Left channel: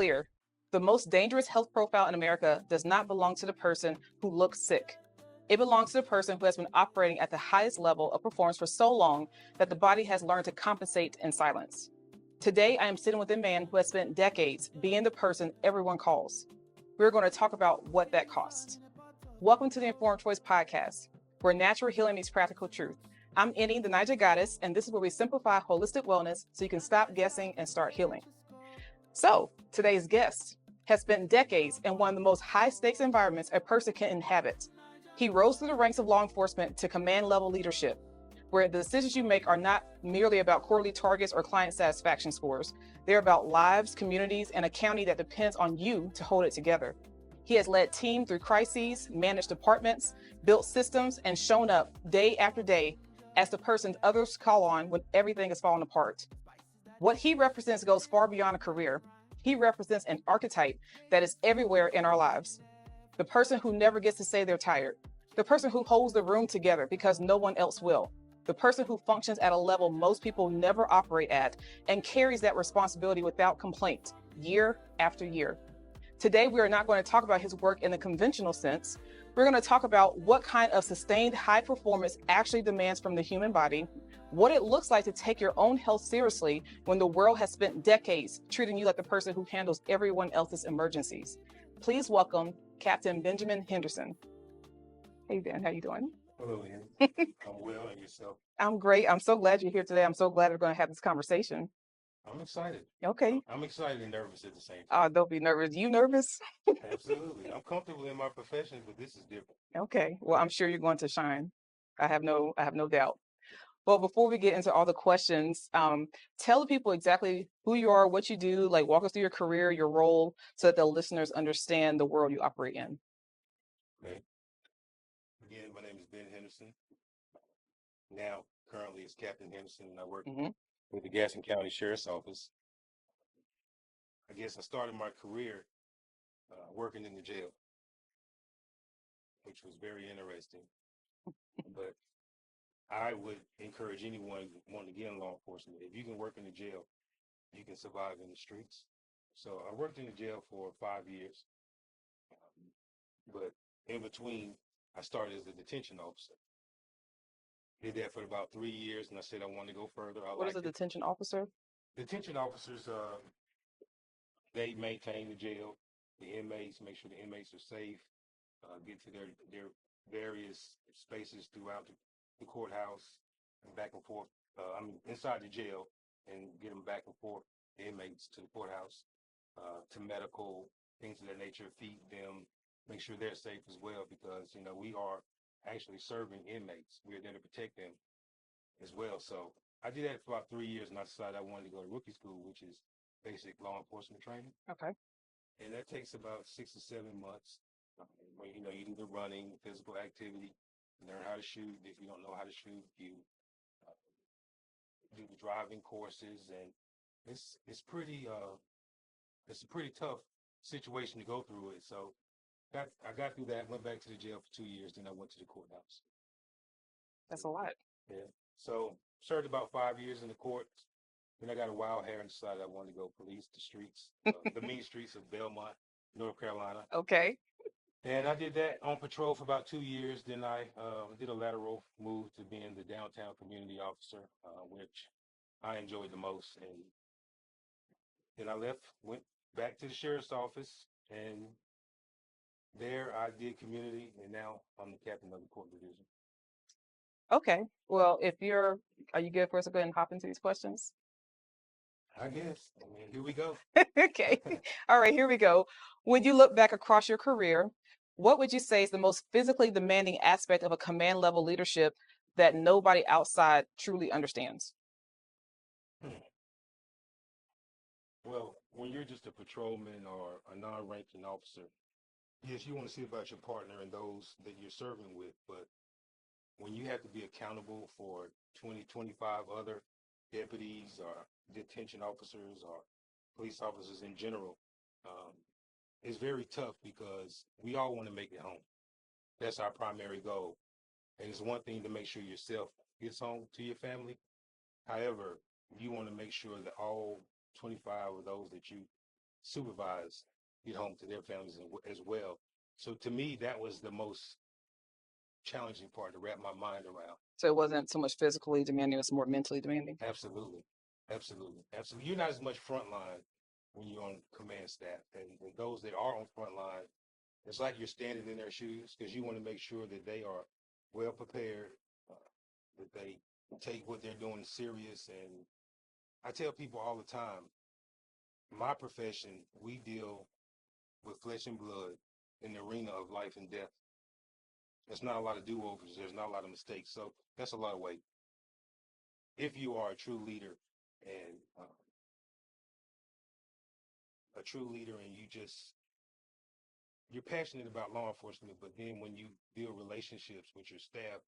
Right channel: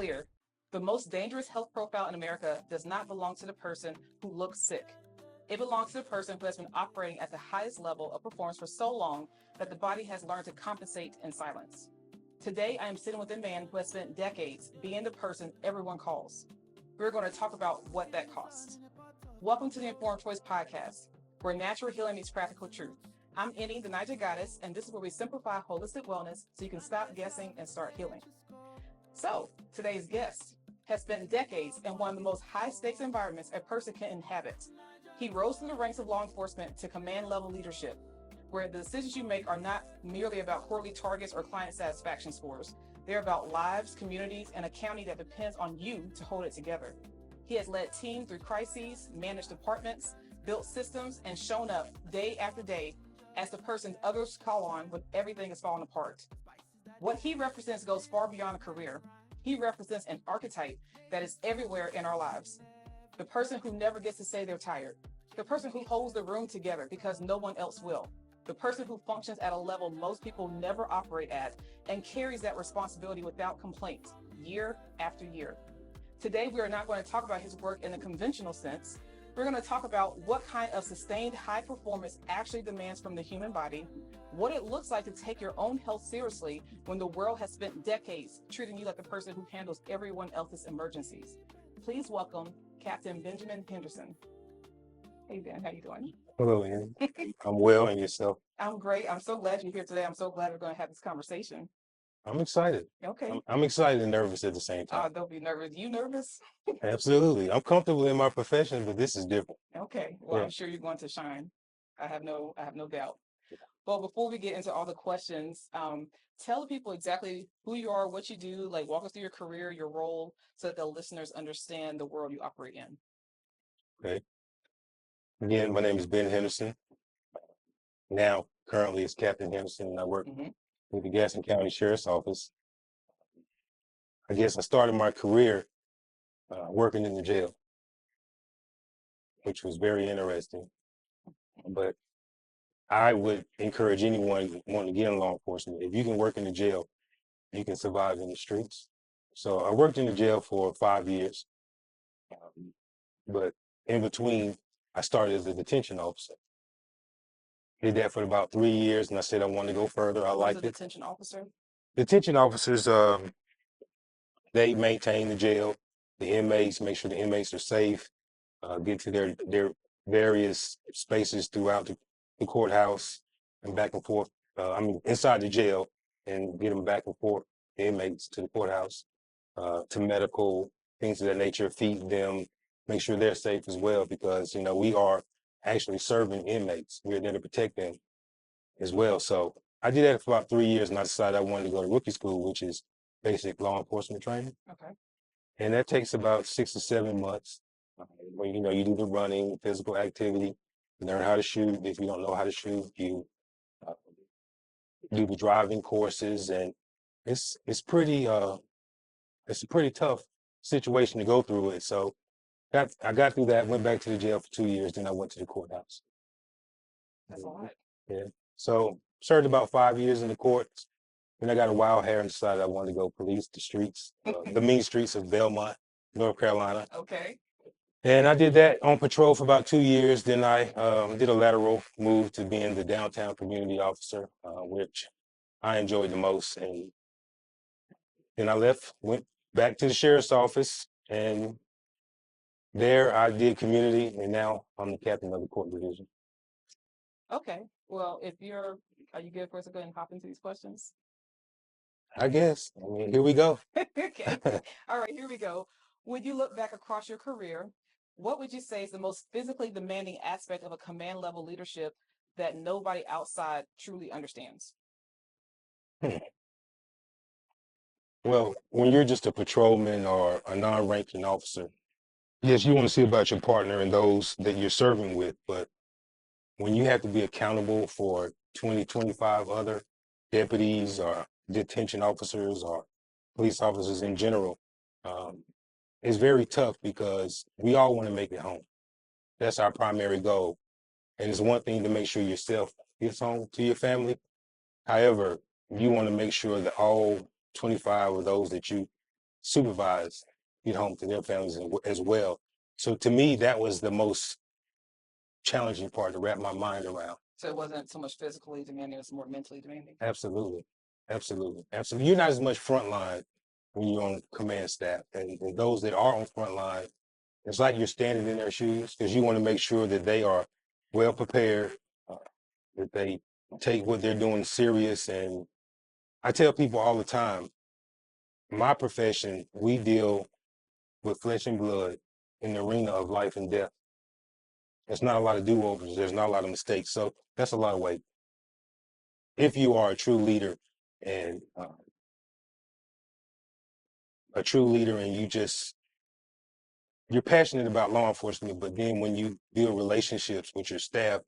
clear. The most dangerous health profile in America does not belong to the person who looks sick. It belongs to the person who has been operating at the highest level of performance for so long that the body has learned to compensate in silence. Today, I am sitting with a man who has spent decades being the person everyone calls. We're going to talk about what that costs. Welcome to the Informed Choice Podcast, where natural healing meets practical truth. I'm Eni, the Naija Goddess, and this is where we simplify holistic wellness so you can stop guessing and start healing. So, today's guest has spent decades in one of the most high-stakes environments a person can inhabit. He rose through the ranks of law enforcement to command-level leadership, where the decisions you make are not merely about quarterly targets or client satisfaction scores. They're about lives, communities, and a county that depends on you to hold it together. He has led teams through crises, managed departments, built systems, and shown up day after day as the person others call on when everything is falling apart. What he represents goes far beyond a career. He represents an archetype that is everywhere in our lives. The person who never gets to say they're tired. The person who holds the room together because no one else will. The person who functions at a level most people never operate at and carries that responsibility without complaint, year after year. Today, we are not going to talk about his work in the conventional sense. We're going to talk about what kind of sustained high performance actually demands from the human body, what it looks like to take your own health seriously when the world has spent decades treating you like the person who handles everyone else's emergencies. Please welcome Captain Benjamin Henderson. Hey, Ben, how you doing? Hello, Ann. I'm well, and yourself? I'm great. I'm so glad you're here today. I'm so glad we're going to have this conversation. I'm excited. Okay. I'm excited and nervous at the same time. Don't be nervous. You nervous? Absolutely. I'm comfortable in my profession, but this is different. Okay. Well, Yeah. I'm sure you're going to shine. I have no doubt. Well, before we get into all the questions, tell the people exactly who you are, what you do, like walk us through your career, your role, so that the listeners understand the world you operate in. Okay. Again, my name is Ben Henderson. Now, currently, it's Captain Henderson, and I work with the Gaston County Sheriff's Office. I guess I started my career working in the jail, which was very interesting. But I would encourage anyone wanting to get in law enforcement, if you can work in the jail, you can survive in the streets. So I worked in the jail for 5 years, but in between, I started as a detention officer. Did that for about 3 years, and I said I wanted to go further. I liked it. Detention officer? Detention officers, they maintain the jail, the inmates, make sure the inmates are safe, get to their various spaces throughout the courthouse and back and forth. Inside the jail, and get them back and forth, the inmates to the courthouse, to medical, things of that nature, feed them, make sure they're safe as well, because, we are actually serving inmates. We're there to protect them as well. So I did that for about 3 years, and I decided I wanted to go to rookie school, which is basic law enforcement training. Okay. And that takes about 6 to 7 months. Where, you do the running, physical activity, learn how to shoot. If you don't know how to shoot, you do the driving courses, and it's a pretty tough situation to go through it. So I got through that, went back to the jail for 2 years, then I went to the courthouse. That's a lot. Yeah. So served about 5 years in the courts. Then I got a wild hair and decided I wanted to go police the streets, the mean streets of Belmont, North Carolina. Okay. And I did that on patrol for about 2 years. Then I did a lateral move to being the downtown community officer, which I enjoyed the most. And then I left, went back to the sheriff's office, and there I did community, and now I'm the captain of the court division. Okay. Well, are you good for us to go ahead and hop into these questions? I guess. Here we go. Okay. All right, here we go. When you look back across your career, what would you say is the most physically demanding aspect of a command level leadership that nobody outside truly understands? Well, when you're just a patrolman or a non-ranking officer, yes, you want to see about your partner and those that you're serving with, but when you have to be accountable for 20, 25 other deputies or detention officers or police officers in general, it's very tough, because we all want to make it home. That's our primary goal. And it's one thing to make sure yourself gets home to your family. However, you want to make sure that all 25 of those that you supervise, get home to their families as well. So to me, that was the most challenging part to wrap my mind around. So it wasn't so much physically demanding, it was more mentally demanding. Absolutely. Absolutely. Absolutely. You're not as much frontline when you're on command staff. And those that are on frontline, it's like you're standing in their shoes because you want to make sure that they are well prepared, that they take what they're doing serious. And I tell people all the time, my profession, we deal with flesh and blood in the arena of life and death. There's not a lot of do-overs. There's not a lot of mistakes. So that's a lot of weight. If you are a true leader and you're passionate about law enforcement, but then when you build relationships with your staff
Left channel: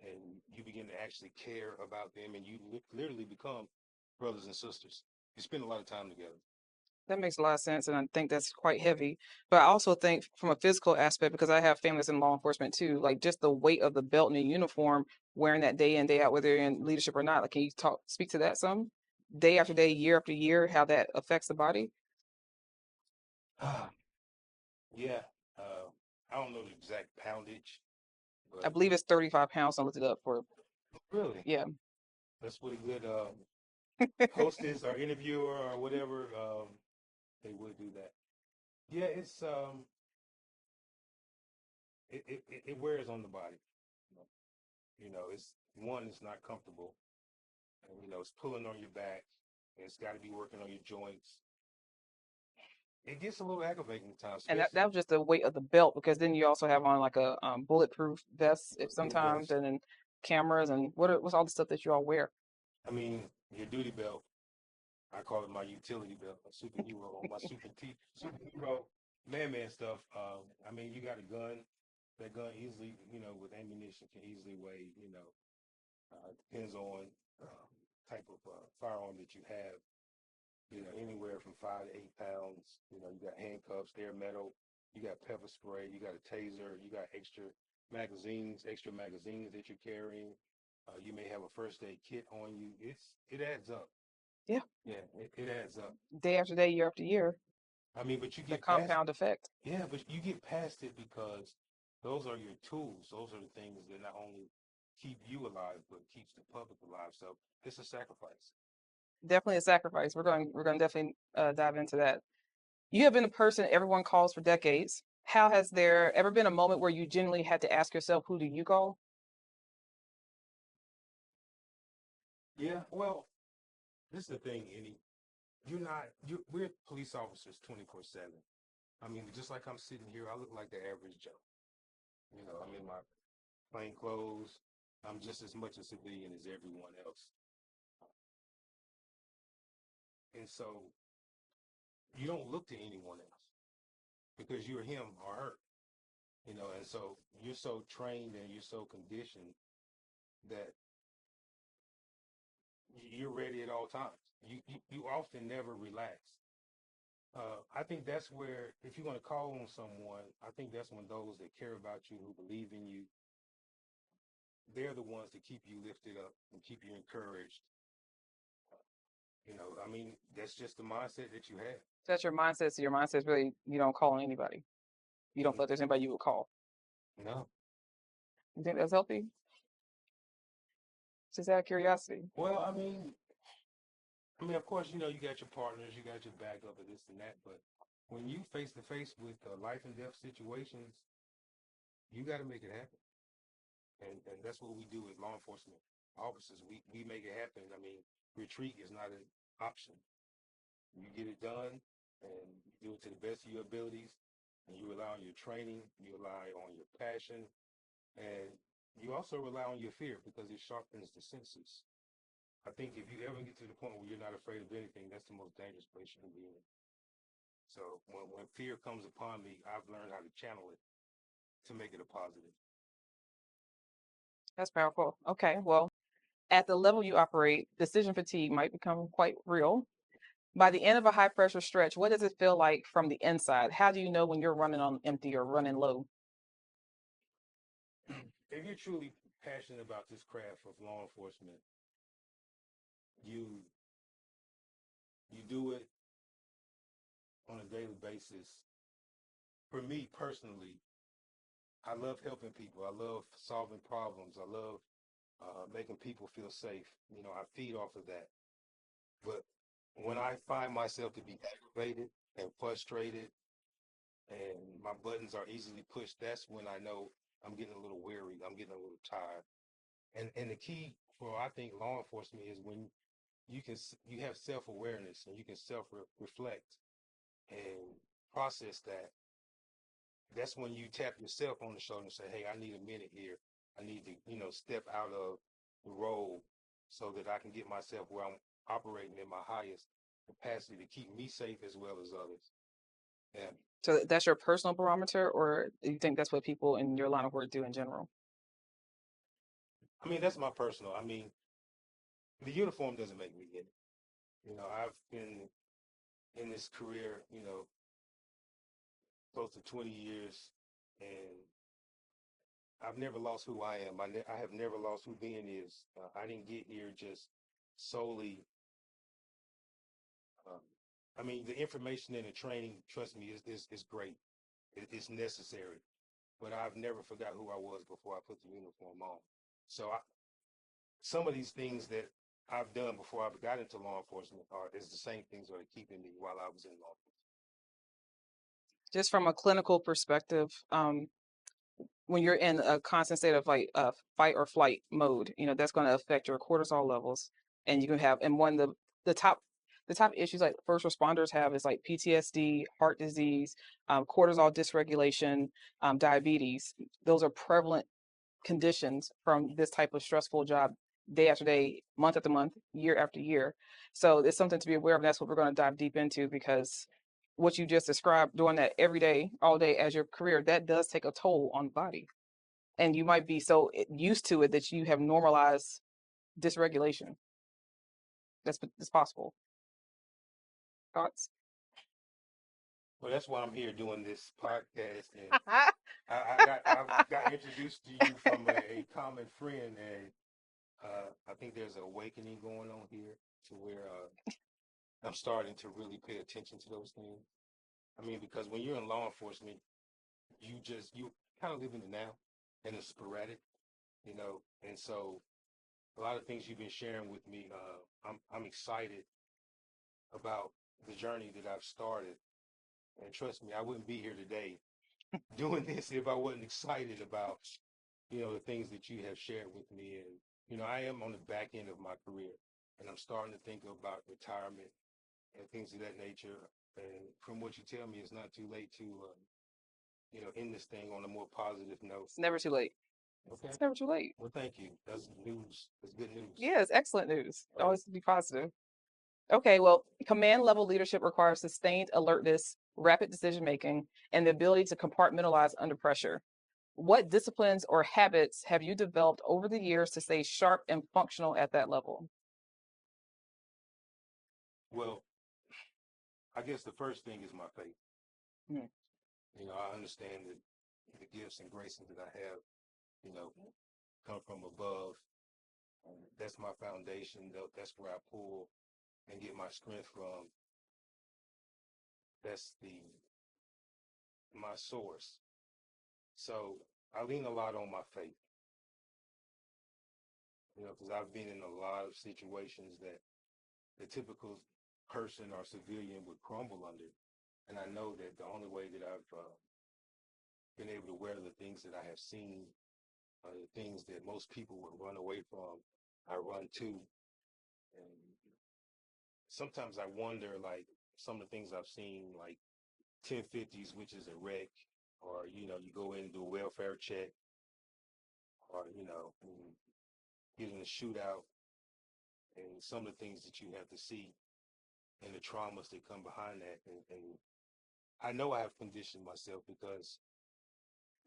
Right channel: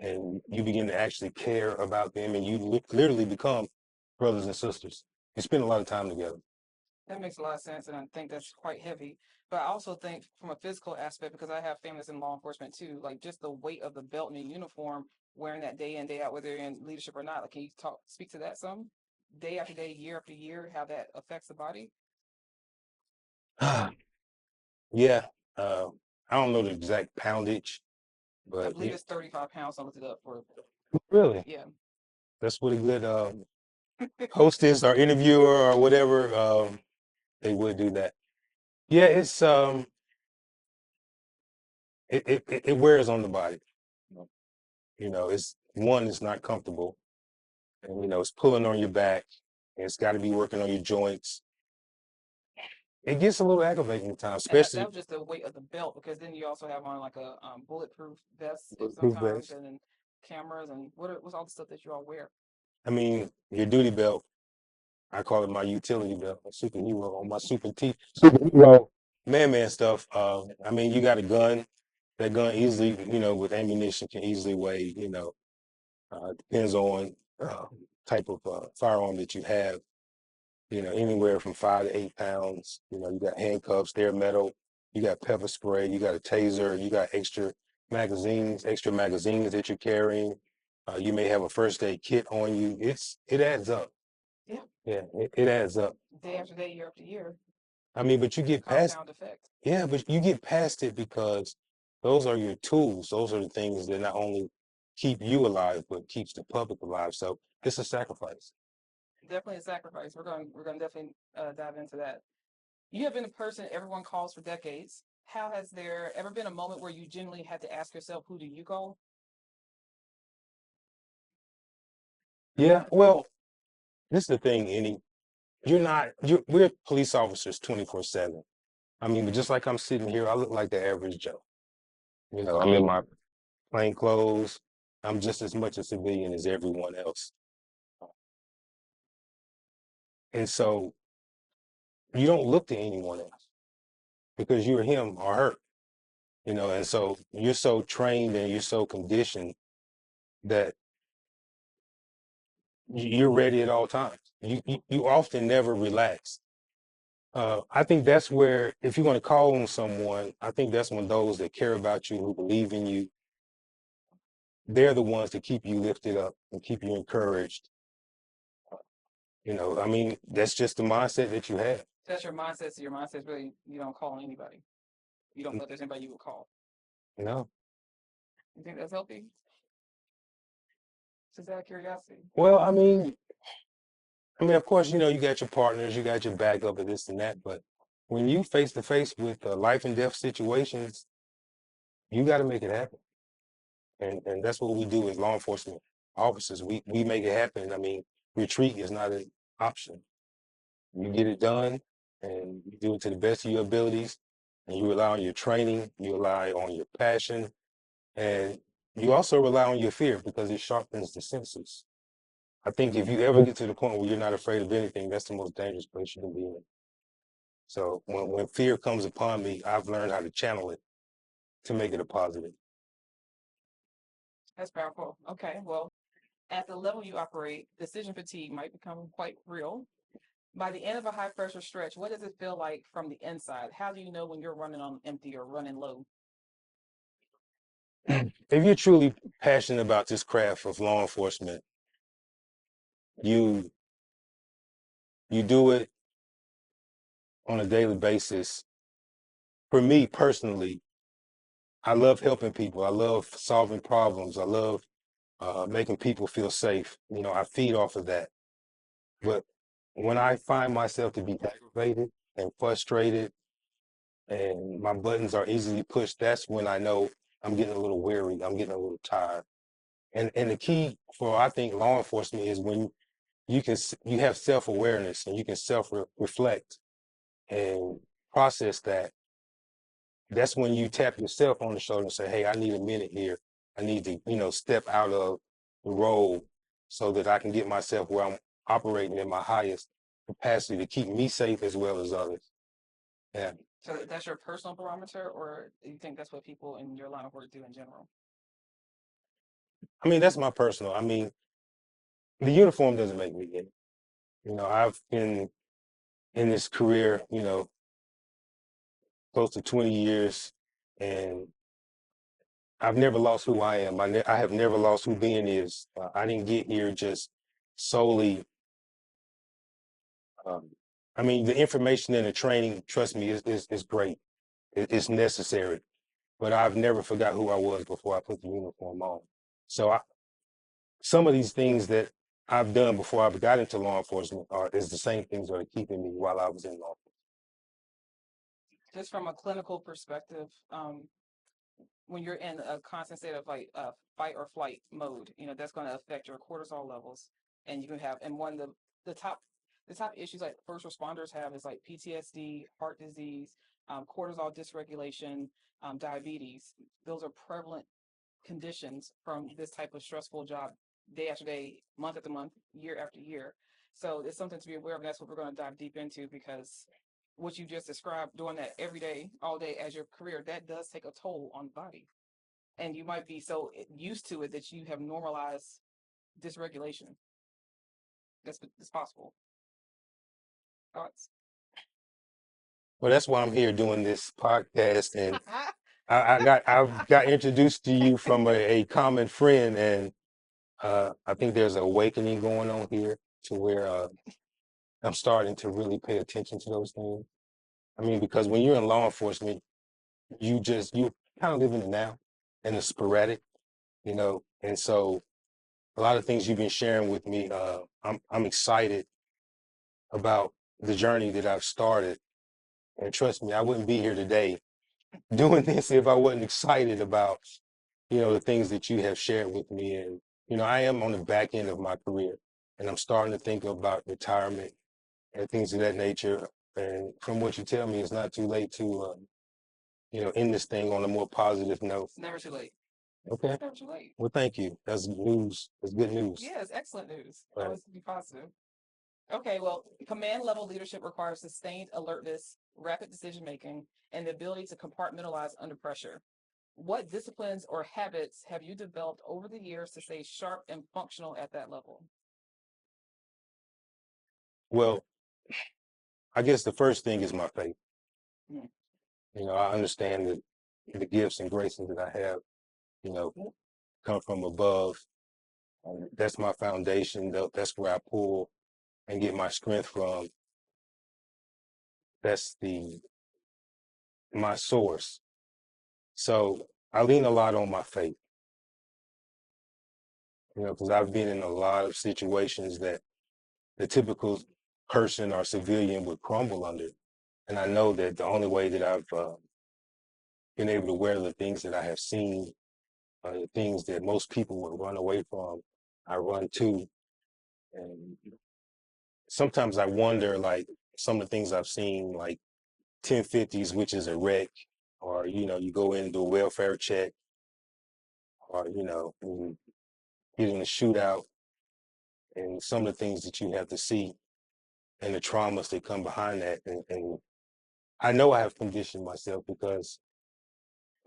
and you begin to actually care about them and you literally become brothers and sisters, you spend a lot of time together. That makes a lot of sense, and I think that's quite heavy. But I also think from a physical aspect, because I have families in law enforcement too, like just the weight of the belt and the uniform, wearing that day in, day out, whether you're in leadership or not. Like, can you speak to that some? Day after day, year after year, how that affects the body? Yeah, I don't know the exact poundage, I but believe it's 35 pounds. I looked it up for, really, yeah. that's what a good hostess or interviewer or whatever, they would do that. Yeah, it wears on the body. It's not comfortable, and it's pulling on your back, and it's got to be working on your joints. It gets a little aggravating at times, And that especially was just the weight of the belt, because then you also have on like a bulletproof vest sometimes, and then cameras and what's all the stuff that you all wear. I mean, your duty belt, I call it my utility belt, a superhero on my superhero man stuff. I mean, you got a gun. That gun easily, with ammunition can easily weigh, depends on type of firearm that you have, anywhere from 5 to 8 pounds. You got handcuffs, they're metal, you got pepper spray, you got a taser, you got extra magazines that you're carrying. You may have a first aid kit on you. It adds up. Yeah. Yeah, it adds up. Day after day, year after year. I mean, but you get past, Compound effect. yeah, but you get past it because those are your tools. Those are the things that not only keep you alive, but keeps the public alive. So it's a sacrifice. Definitely a sacrifice. We're going to definitely dive into that. You have been a person everyone calls for decades. How has there ever been a moment where you genuinely had to ask yourself, who do you call? Yeah, well, this is the thing, Annie. We're police officers 24/7. I mean, but just like I'm sitting here, I look like the average Joe. I'm in my plain clothes. I'm just as much a civilian as everyone else. And so you don't look to anyone else because you're him or her, and so you're so trained and you're so conditioned that you're ready at all times. You often never relax. I think that's where, if you're going to call on someone, I think that's when those that care about you, who believe in you, they're the ones that keep you lifted up and keep you encouraged. I mean, that's just the mindset that you have. That's your mindset. So your mindset is really, you don't call on anybody. You don't feel like there's anybody you would call. No. You think that's healthy? Just out of curiosity. Well, of course, you got your partners, you got your backup of this and that, but when you face to face with life and death situations, you got to make it happen. And that's what we do as law enforcement officers. We make it happen. I mean, retreat is not an option. You get it done, and you do it to the best of your abilities, and you rely on your training, you rely on your passion, and you also rely on your fear because it sharpens the senses. I think if you ever get to the point where you're not afraid of anything, that's the most dangerous place you can be in. So when fear comes upon me, I've learned how to channel it to make it a positive. That's powerful. Okay, well, at the level you operate, decision fatigue might become quite real. By the end of a high pressure stretch, what does it feel like from the inside? How do you know when you're running on empty or running low? If you're truly passionate about this craft of law enforcement, you do it on a daily basis, for me personally, I love helping people. I love solving problems. I love making people feel safe. You know, I feed off of that. But when I find myself to be aggravated and frustrated and my buttons are easily pushed, that's when I know I'm getting a little weary. I'm getting a little tired. And the key for, I think, law enforcement is when you have self-awareness and you can self-reflect and process that. That's when you tap yourself on the shoulder and say, hey, I need a minute here. I need to, step out of the role so that I can get myself where I'm operating in my highest capacity to keep me safe as well as others. Yeah. So that's your personal barometer, or do you think that's what people in your line of work do in general? I mean, that's my personal. I mean, the uniform doesn't make me in. I've been in this career, close to 20 years, and I've never lost who I am. I have never lost who Ben is. I didn't get here just solely. Um, I mean, the information and the training, trust me, is great. It's necessary. But I've never forgot who I was before I put the uniform on. So some of these things that I've done before I got into law enforcement is the same things that are keeping me while I was in law enforcement. Just from a clinical perspective, when you're in a constant state of like fight or flight mode, that's going to affect your cortisol levels, and you can have, and one of the top issues like first responders have is like PTSD, heart disease, cortisol dysregulation, diabetes. Those are prevalent conditions from this type of stressful job, day after day, month after month, year after year. So it's something to be aware of. That's what we're going to dive deep into, because what you just described, doing that every day, all day as your career, that does take a toll on the body. And you might be so used to it that you have normalized dysregulation. That's possible. Thoughts? Well, that's why I'm here doing this podcast, and I've got introduced to you from a common friend, and I think there's an awakening going on here to where I'm starting to really pay attention to those things. I mean, because when you're in law enforcement, you kind of live in the now and the sporadic, and so a lot of things you've been sharing with me, I'm excited about the journey that I've started. And trust me, I wouldn't be here today doing this if I wasn't excited about, the things that you have shared with me. And, I am on the back end of my career, and I'm starting to think about retirement and things of that nature. And from what you tell me, it's not too late to, end this thing on a more positive note. It's never too late. Okay. It's never too late. Well, thank you. That's news. That's good news. Yeah, it's excellent news. Right. Always be positive. Okay, well, command level leadership requires sustained alertness, rapid decision making, and the ability to compartmentalize under pressure. What disciplines or habits have you developed over the years to stay sharp and functional at that level? Well, I guess the first thing is my faith. I understand that the gifts and graces that I have, come from above. That's my foundation. That's where I pull and get my strength from. That's my source. So I lean a lot on my faith, because I've been in a lot of situations that the typical person or civilian would crumble under. And I know that the only way that I've been able to wear the things that I have seen, the things that most people would run away from, I run to. And sometimes I wonder, like, some of the things I've seen, like 1050s, which is a wreck, or, you go in and do a welfare check, or, you get in a shootout, and some of the things that you have to see and the traumas that come behind that. And I know I have conditioned myself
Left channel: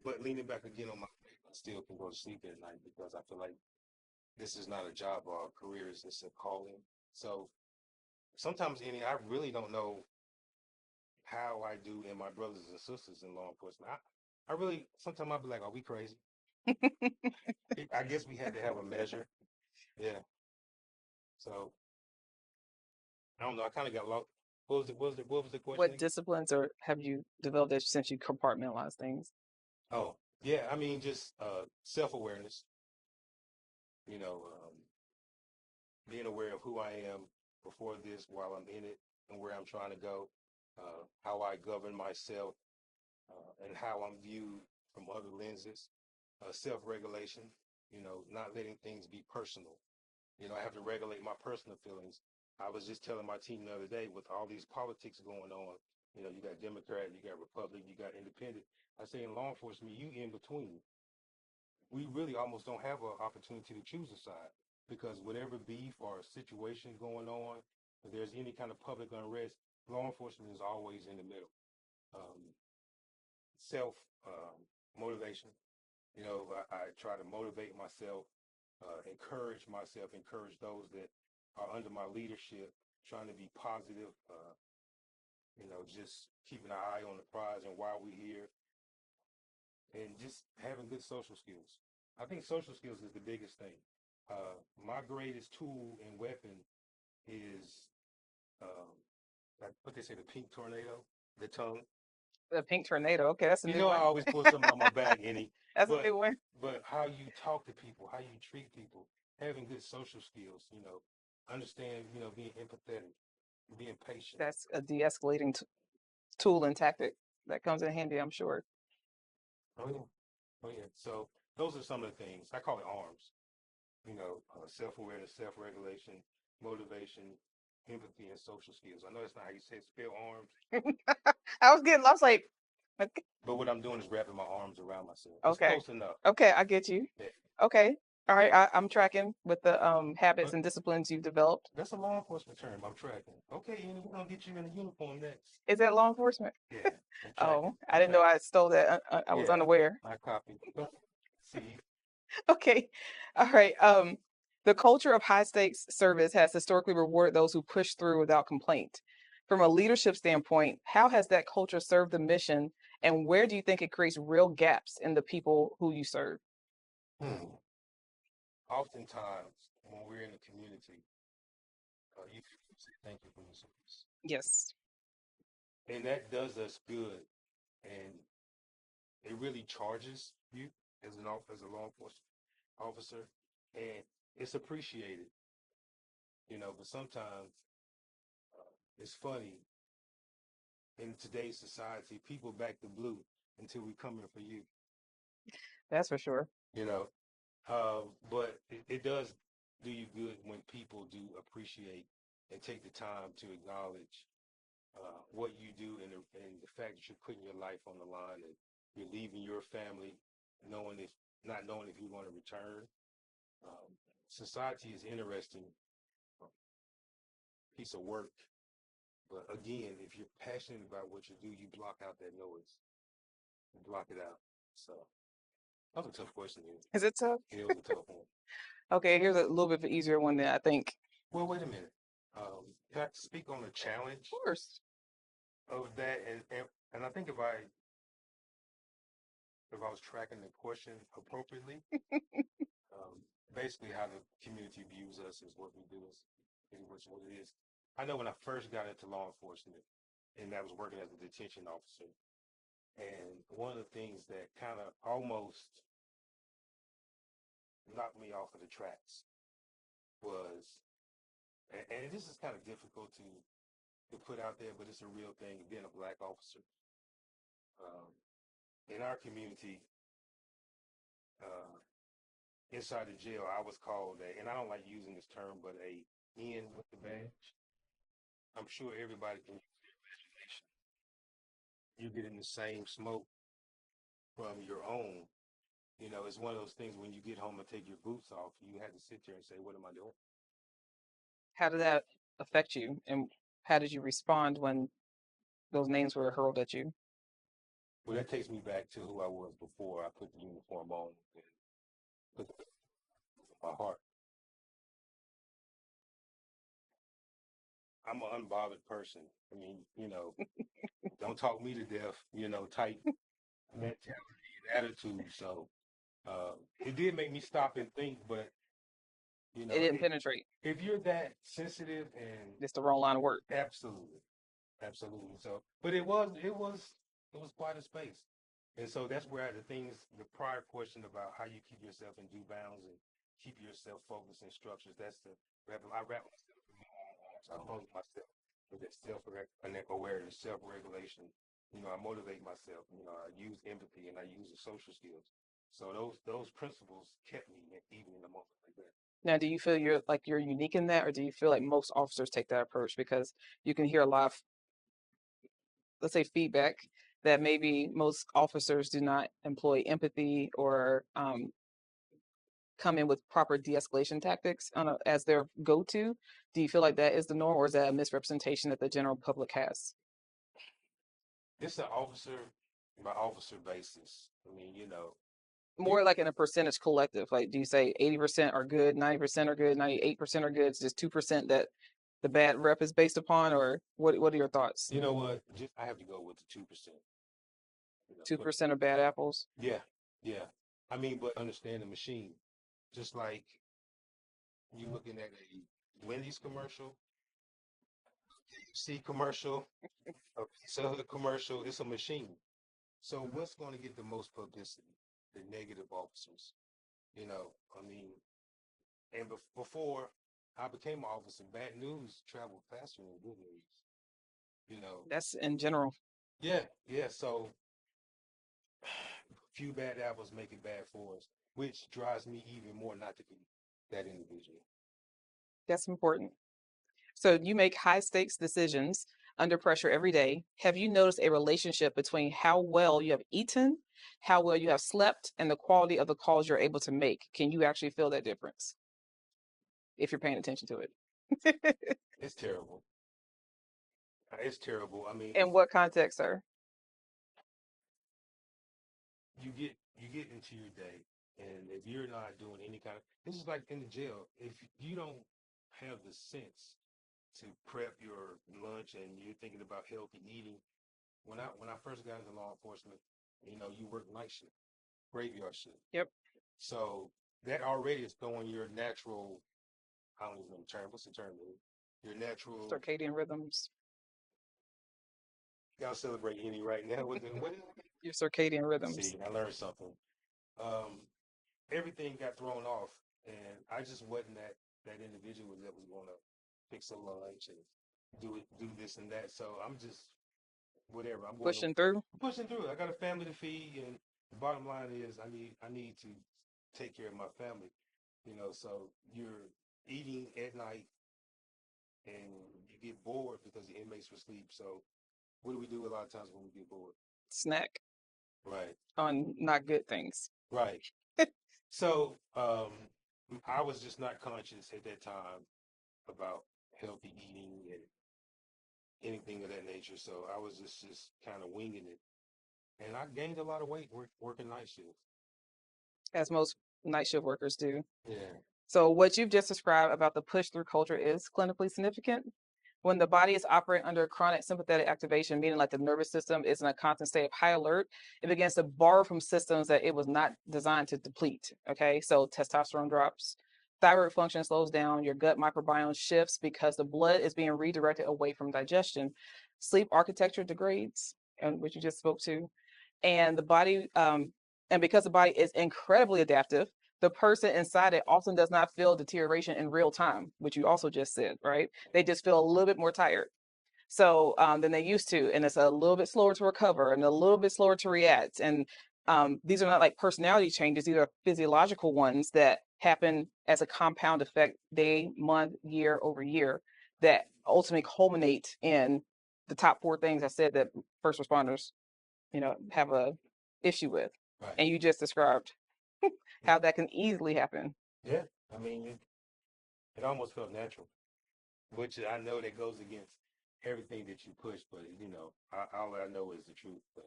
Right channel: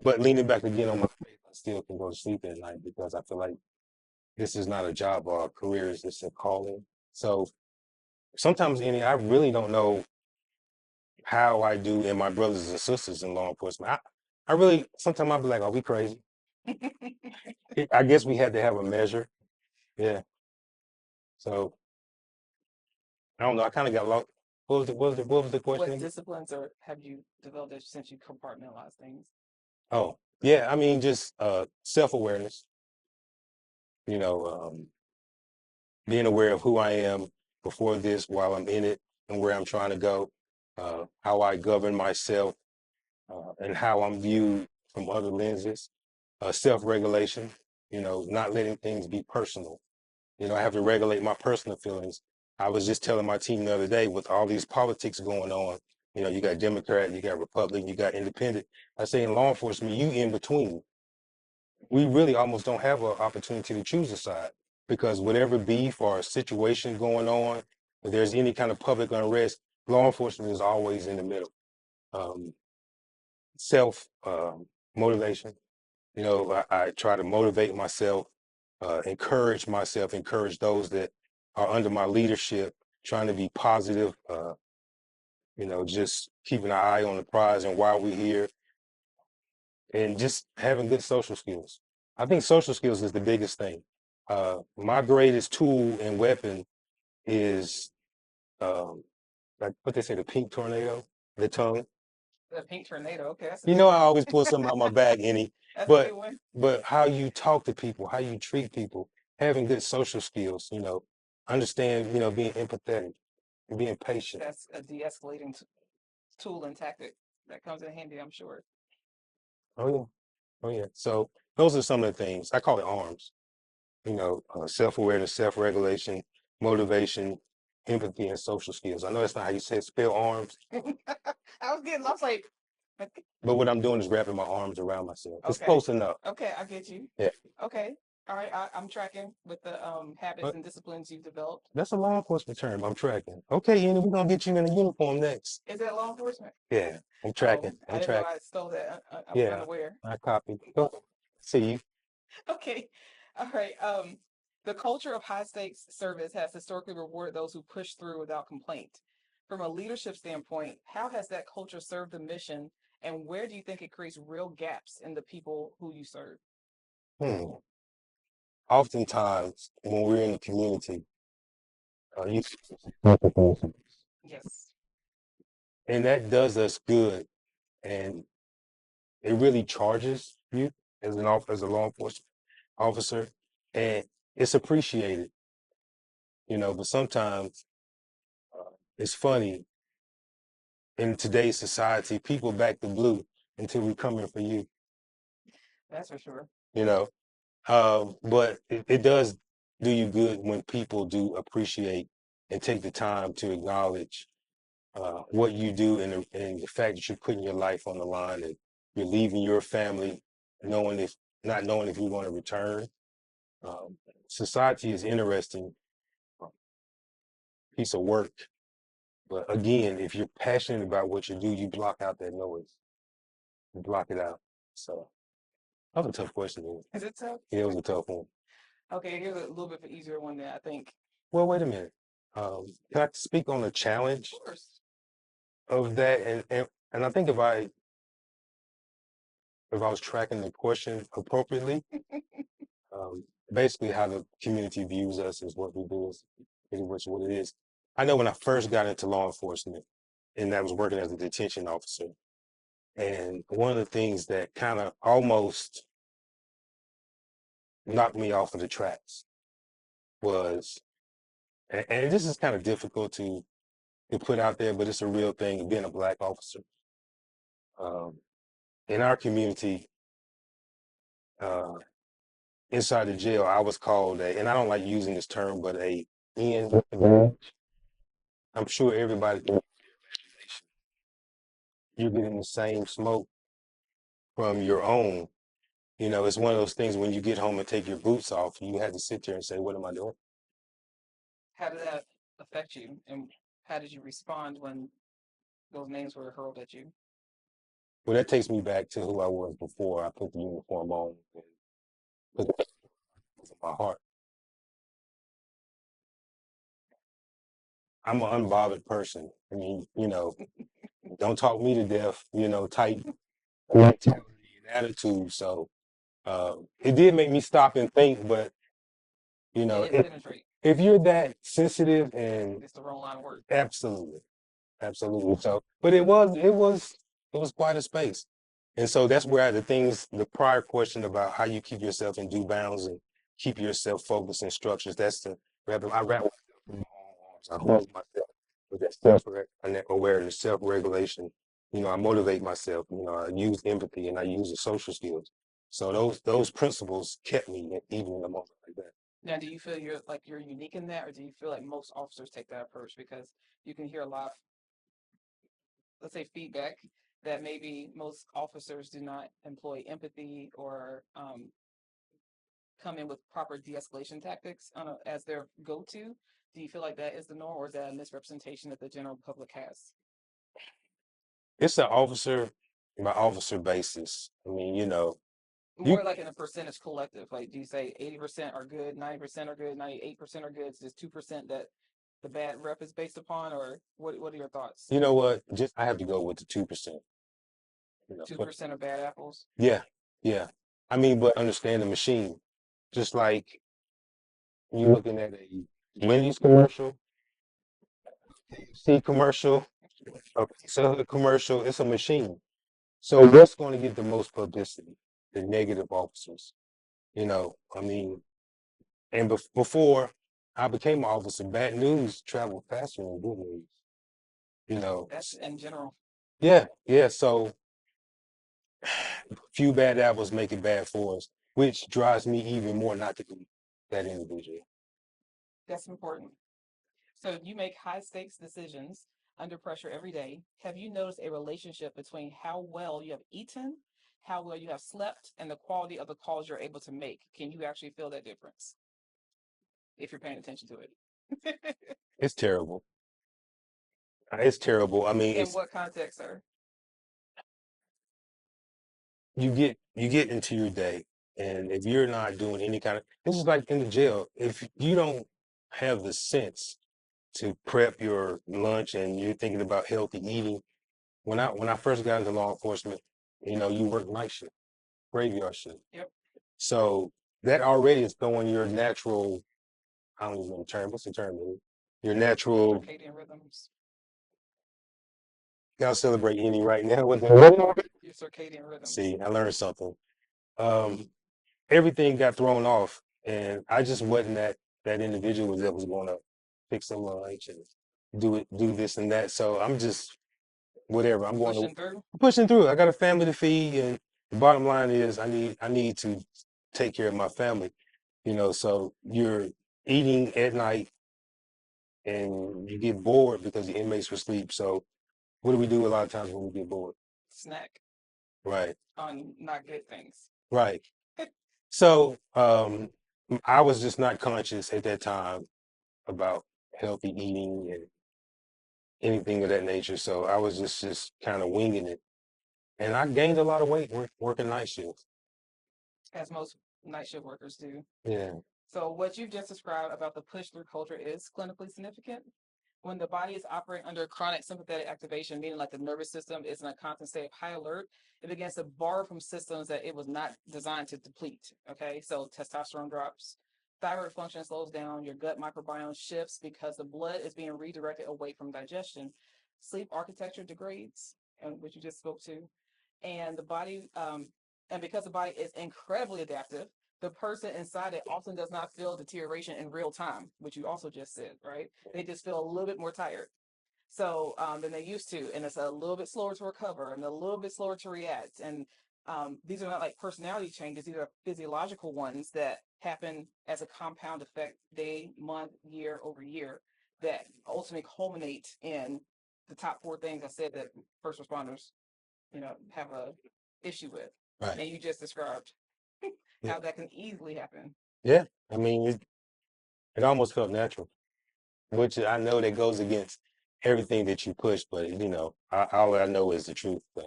but leaning back again on my faith, I still can go to sleep at night because I feel like this is not a job or a career, it's just a calling. So sometimes, Annie, I really don't know how I do and my brothers and sisters in law enforcement. I really, sometimes I'll be like, are we crazy? I guess we had to have a measure. Yeah. So I don't know. I kind of got what was the question What again? disciplines or have you developed that since you compartmentalize things? Oh, yeah, I mean, just self-awareness, you know, being aware of who I am before this, while I'm in it, and where I'm trying to go, how I govern myself, and how I'm viewed from other lenses, self-regulation, not letting things be personal. I have to regulate my personal feelings. I was just telling my team the other day, with all these politics going on, you got Democrat, you got Republican, you got Independent. I say in law enforcement, you in between. We really almost don't have an opportunity to choose a side, because whatever beef or situation going on, if there's any kind of public unrest, law enforcement is always in the middle. Um, Self motivation. I try to motivate myself, encourage myself, encourage those that are under my leadership, trying to be positive, just keeping an eye on the prize and why we're here, and just having good social skills. I think social skills is the biggest thing. My greatest tool and weapon is, like what they say, the pink tornado, the tongue. The pink tornado. Okay, that's a You new know, one. I always pull something out my bag, Annie. That's a But new one. but how you talk to people, how you treat people, having good social skills, understand, being empathetic and being patient. That's a de-escalating tool and tactic that comes in handy, I'm sure. Oh yeah, oh yeah. So those are some of the things. I call it arms. Self-awareness, self-regulation, motivation, empathy, and social skills. I know that's not how you say it, spell arms, I was like, but what I'm doing is wrapping my arms around myself. It's okay, close enough. okay, I get you. Yeah. Okay, all right, I'm tracking with the habits But and disciplines you've developed. that's a law enforcement term. I'm tracking. Okay, Annie, we're gonna get you in a uniform next. Is that law enforcement? Yeah, I'm Oh, tracking. I I'm didn't know tracking. I stole that. I was Yeah, unaware. I copied. Go. See you. Okay, all right. The culture of high stakes service has historically rewarded those who push through without complaint. From a leadership standpoint, how has that culture served the mission, and where do you think it creates real gaps in the people who you serve? Hmm. Oftentimes, when we're in the community, you Yes, and that does us good, and it really charges you as a law enforcement officer, and it's appreciated, But sometimes it's funny, in today's society, people back the blue until we come in for you, that's for sure. you know. But it does do you good when people do appreciate and take the time to acknowledge what you do, and the fact that you're putting your life on the line, and you're leaving your family not knowing if you're going to return. Society is interesting piece of work, but again, if you're passionate about what you do, you block out that noise. You block it out. So that was a tough question. Is it tough? Yeah, it was a tough one. Okay, here's a little bit of an easier one that I think. Well, wait a minute. Can I speak on the challenge Of course. of that? And I think if I was tracking the question appropriately, um, basically how the community views us is what we do, is pretty much what it is. I know when I first got into law enforcement, and I was working as a detention officer, and one of the things that kind of almost knocked me off of the tracks was, and this is kind of difficult to put out there, but it's a real thing, being a Black officer. Um, in our community, uh, inside the jail, I was called and I don't like using this term, but a in. I'm sure everybody, you're getting the same smoke from your own. It's one of those things when you get home and take your boots off, you have to sit there and say, what am I doing? How did that affect you, and how did you respond when those names were hurled at you? Well, that takes me back to who I was before I put the uniform on and put it in my heart. I'm an unbothered person. I mean, don't talk me to death, type mentality and attitude. So it did make me stop and think, but It didn't penetrate. if you're that sensitive, and It's the wrong line of work. absolutely, Absolutely. So, but it was quite a space. And so that's where the prior question about how you keep yourself in due bounds and keep yourself focused and structures, I wrap myself in my own arms. I hold myself with that self-awareness, self-regulation. You know, I motivate myself, you know, I use empathy and I use the social skills. So those principles kept me even in a moment like that. Now, do you feel you're unique in that, or do you feel like most officers take that approach? Because you can hear a lot of, let's say, feedback that maybe most officers do not employ empathy or come in with proper de-escalation tactics as their go-to. Do you feel like that is the norm, or is that a misrepresentation that the general public has? It's an officer by officer basis. I mean, you know, you More like in a percentage collective. Like, do you say 80% are good, 90% are good, 98% are good? It's just 2% that the bad rep is based upon, or what are your thoughts? you know what? Just I have to go with the 2%. You know, but 2% are bad apples. yeah, yeah. I mean, but understand the machine. Just like you looking at a Wendy's commercial, KFC commercial, a Pizza Hut commercial, it's a machine. So what's going to get the most publicity? The negative officers. You know, I mean, and before I became an officer, bad news traveled faster than good news. You know, That's in general. yeah, yeah. So few bad apples make it bad for us, which drives me even more not to be that individual. That's important. So you make high stakes decisions under pressure every day. Have you noticed a relationship between how well you have eaten, how well you have slept, and the quality of the calls you're able to make? Can you actually feel that difference if you're paying attention to it? It's terrible. It's terrible. I mean, In it's what context, sir? you get into your day, and if you're not doing any kind of this is like in the jail. If you don't have the sense to prep your lunch and you're thinking about healthy eating, when I first got into law enforcement, you know, you work night shift, graveyard shift. Yep. So that already is throwing your natural, I don't even know the term. What's the term? Your natural. Circadian rhythms. I'll celebrate any right now. Your circadian rhythms. See, I learned something. Um, everything got thrown off, and I just wasn't that individual that was going to fix some lunch and do this and that. So I'm just whatever. I'm going to Pushing through. pushing through. I got a family to feed, and the bottom line is I need to take care of my family. You know, so you're eating at night and you get bored because the inmates were asleep. So what do we do a lot of times when we get bored? Snack Right, on not good things. right. So I was just not conscious at that time about healthy eating and anything of that nature. So I was just kind of winging it, and I gained a lot of weight working night shifts. As most night shift workers do. Yeah, So what you've just described about the push through culture is clinically significant. When the body is operating under chronic sympathetic activation, meaning like the nervous system is in a constant state of high alert, it begins to borrow from systems that it was not designed to deplete. Okay, so testosterone drops, thyroid function slows down, your gut microbiome shifts because the blood is being redirected away from digestion. Sleep architecture degrades, and which you just spoke to, and the body, and because the body is incredibly adaptive, the person inside it often does not feel deterioration in real time, which you also just said, right? They just feel a little bit more tired. So than they used to, and it's a little bit slower to recover and a little bit slower to react. And these are not like personality changes; these are physiological ones that happen as a compound effect, day, month, year over year, that ultimately culminate in the top four things I said that first responders, have a issue with. right. And you just described Yeah, how that can easily happen. yeah. I mean, it almost felt natural, which I know that goes against everything that you push, but you know, all I know is the truth. So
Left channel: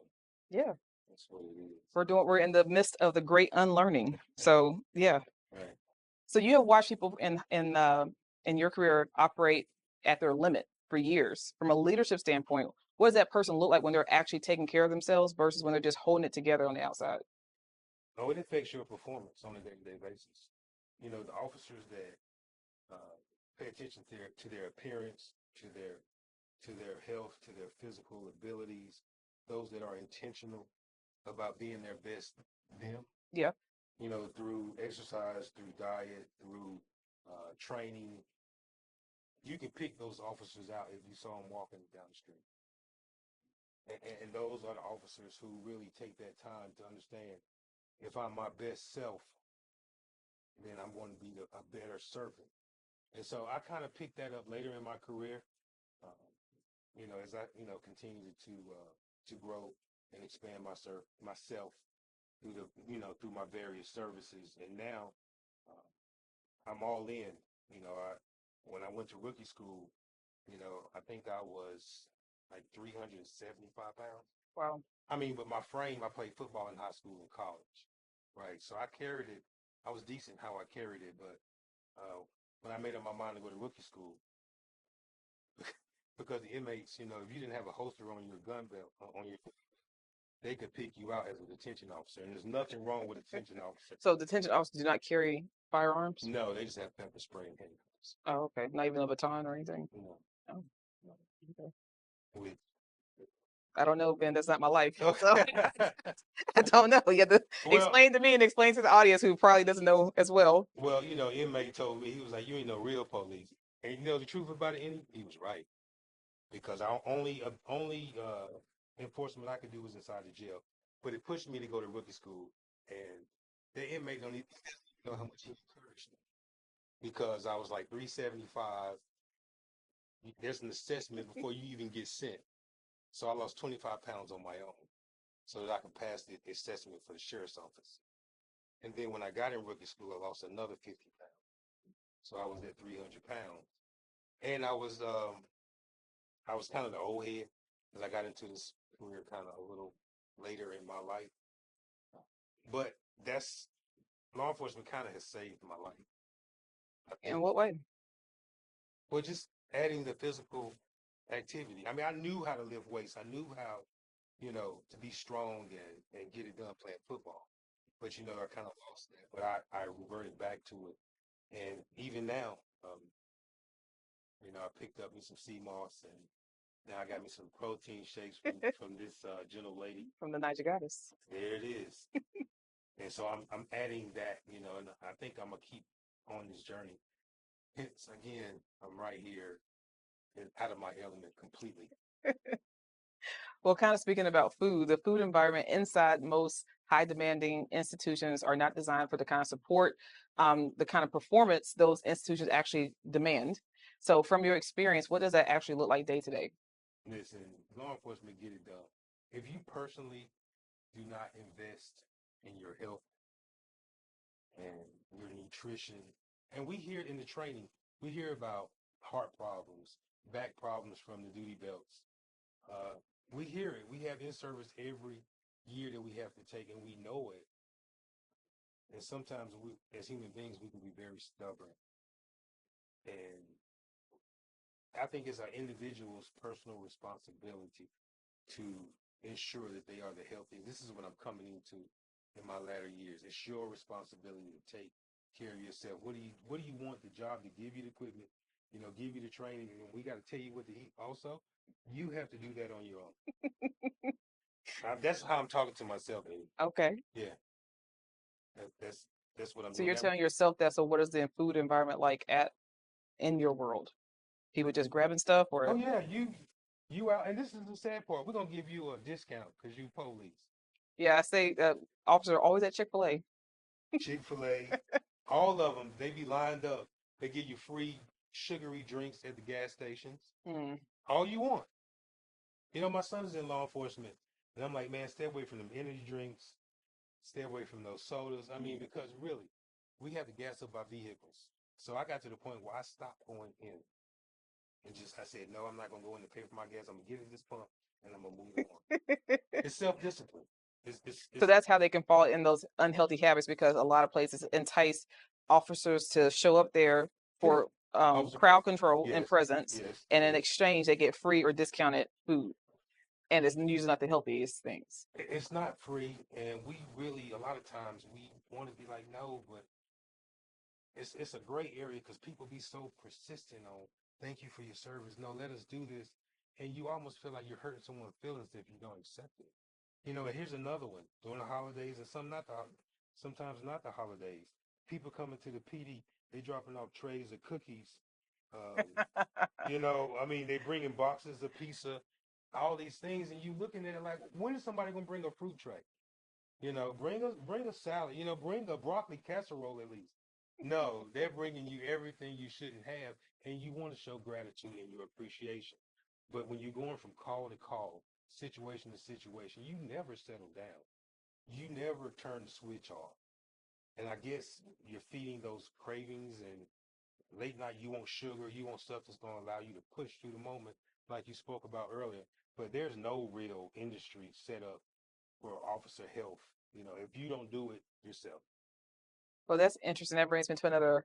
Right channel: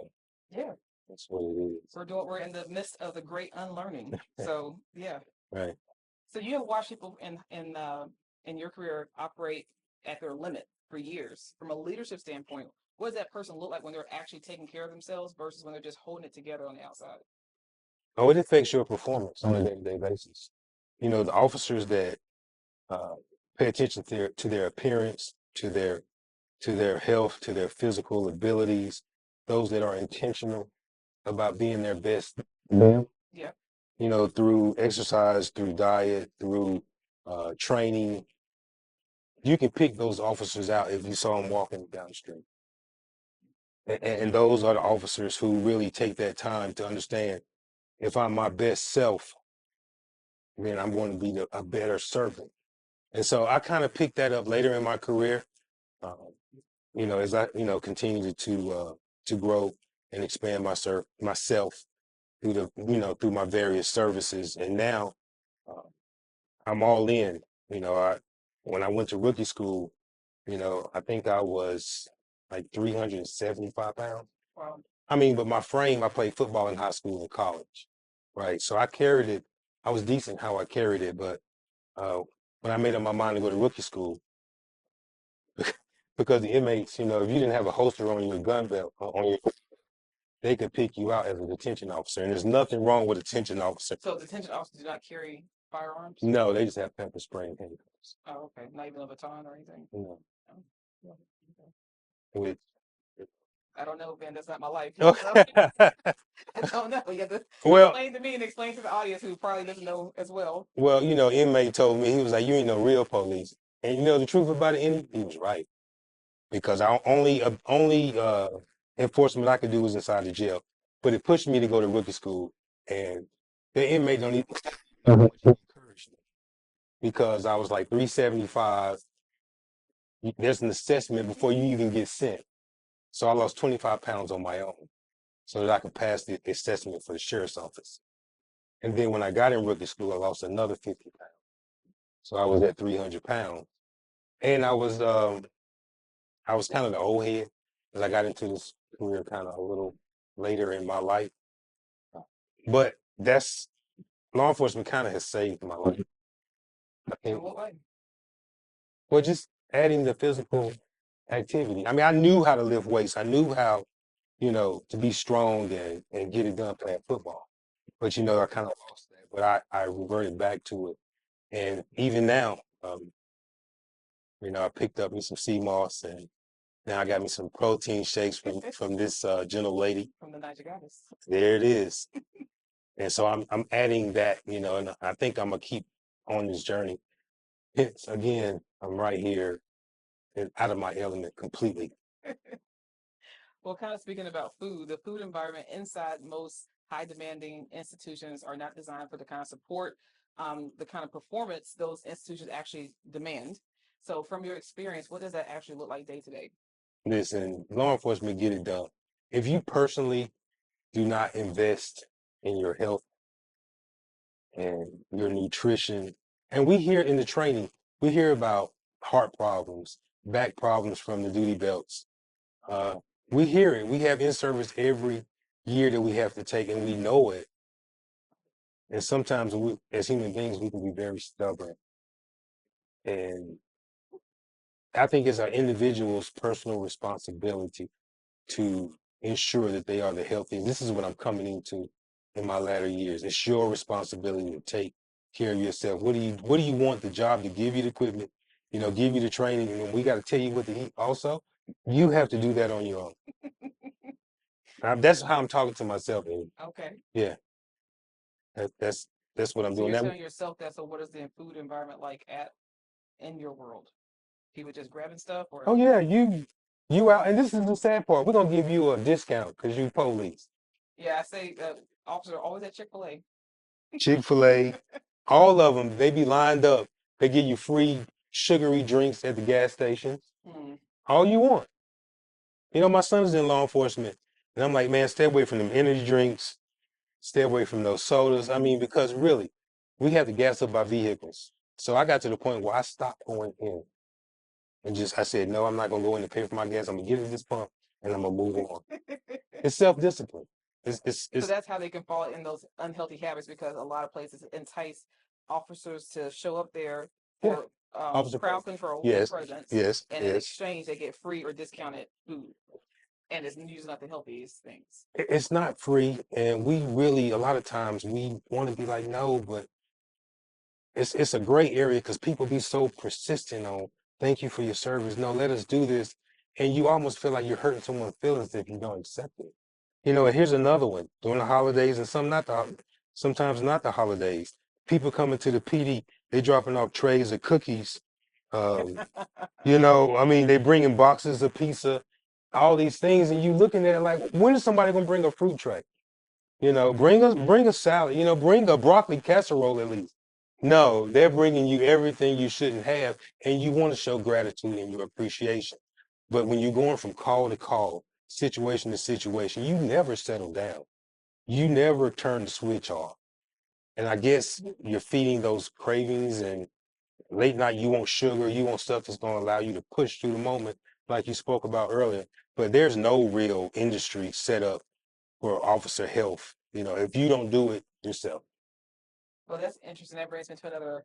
Yeah, that's what it is. we're in the midst of the great unlearning. So yeah. Right. So you have watched people in your career operate at their limit for years. From a leadership standpoint, what does that person look like when they're actually taking care of themselves versus when they're just holding it together on the outside? Oh, it affects your performance on a day-to-day basis. You know, the officers that uh, pay attention to their appearance, to their to their health, to their physical abilities, those that are intentional about being their best. Yeah. You know, through exercise, through diet, through training. You can pick those officers out if you saw them walking down the street. And those are the officers who really take that time to understand, if I'm my best self, then I'm going to be a better servant. And so I kind of picked that up later in my career, uh, you know, as I, you know, continue to grow and expand myself through the, you know, through my various services. And now uh, I'm all in. You know, when I went to rookie school, you know, I think I was like 375 pounds. Wow. I mean, but my frame, I played football in high school and college, right? So I carried it. I was decent how I carried it, but uh, when I made up my mind to go to rookie school, because the inmates, you know, if you didn't have a holster on your gun belt, on your, they could pick you out as a detention officer, and there's nothing wrong with a detention officer. So detention officers do not carry firearms? No, they just have pepper spray and handcuffs. Oh, okay. Not even a baton or anything? No. Oh, okay. With, I don't know, Ben. That's not my life. oh, So I don't know. You have to well, explain to me and explain to the audience who probably doesn't know as well. well, you know, inmate told me, he was like, "You ain't no real police." And you know the truth about it, he was right. Because I only enforcement I could do was inside the jail. But it pushed me to go to rookie school, and the inmate don't even encourage me, because I was like 375. There's an assessment before you even get sent. So I lost 25 pounds on my own so that I could pass the assessment for the sheriff's office. And then when I got in rookie school, I lost another 50 pounds. So I was at 300 pounds. And I was kind of the old head, because I got into this career kind of a little later in my life. But that's, law enforcement kind of has saved my life. In what way? Well, just adding the physical activity. I mean, I knew how to lift weights. I knew how, you know, to be strong and get it done playing football. But, you know, I kind of lost that. But I reverted back to it. And even now, you know, I picked up me some sea moss, and now I got me some protein shakes from this gentle lady. From the Naija Goddess. There it is. And so I'm adding that, you know, and I think I'm gonna keep on this journey. It's, again, I'm right here and out of my element completely. Well, kind of speaking about food, the food environment inside most high demanding institutions are not designed for the kind of support, the kind of performance those institutions actually demand. So, from your experience, what does that actually look like day to day? Listen, law enforcement, get it done. If you personally do not invest in your health and your nutrition, and we hear in the training, we hear about heart problems, back problems from the duty belts. We hear it. We have in-service every year that we have to take, and we know it. And sometimes we, as human beings, we can be very stubborn. And I think it's our individual's personal responsibility to ensure that they are the healthiest. This is what I'm coming into in my latter years. It's your responsibility to take care of yourself. What do you want the job to give you the equipment, you know, give you the training, and we got to tell you what to eat also? You have to do that on your own. That's how I'm talking to myself. And Okay. yeah, that's what I'm So doing you're now. telling yourself that. So what is the food environment like in your world? People just grabbing stuff, or Oh yeah, you out, and this is the sad part. We're gonna give you a discount because you police. yeah, I say officer always at Chick-fil-A. Chick-fil-A, all of them, they be lined up. They give you free sugary drinks at the gas stations. Mm. All you want. You know, my son's in law enforcement, and I'm like, man, stay away from them energy drinks. Stay away from those sodas. I mean, because really, we have to gas up our vehicles. So I got to the point where I stopped going in and I said, no, I'm not gonna go in and pay for my gas. I'm gonna get at this pump and I'm gonna move on. It's self-discipline. So that's how they can fall in those unhealthy habits, because a lot of places entice officers to show up there for crowd control and presence, and in exchange they get free or discounted food, and it's usually not the healthiest things. It's not free, and we really, a lot of times we want to be like, no, but it's a gray area because people be so persistent on, thank you for your service. No, let us do this. and you almost feel like you're hurting someone's feelings if you don't accept it. And here's another one during the holidays and sometimes not the holidays. People coming to the PD, they dropping off trays of cookies. Um, I mean, they bringing boxes of pizza, all these things, and you looking at it like, when is somebody gonna bring a fruit tray? Bring a salad. Bring a broccoli casserole at least. No, they're bringing you everything you shouldn't have, and you want to show gratitude and your appreciation. But when you're going from call to call, situation to situation, you never settle down. You never turn the switch off. And I guess you're feeding those cravings, and late night you want sugar, you want stuff that's going to allow you to push through the moment, like you spoke about earlier. But there's no real industry set up for officer health, if you don't do it yourself. Well, that's interesting. That brings me to another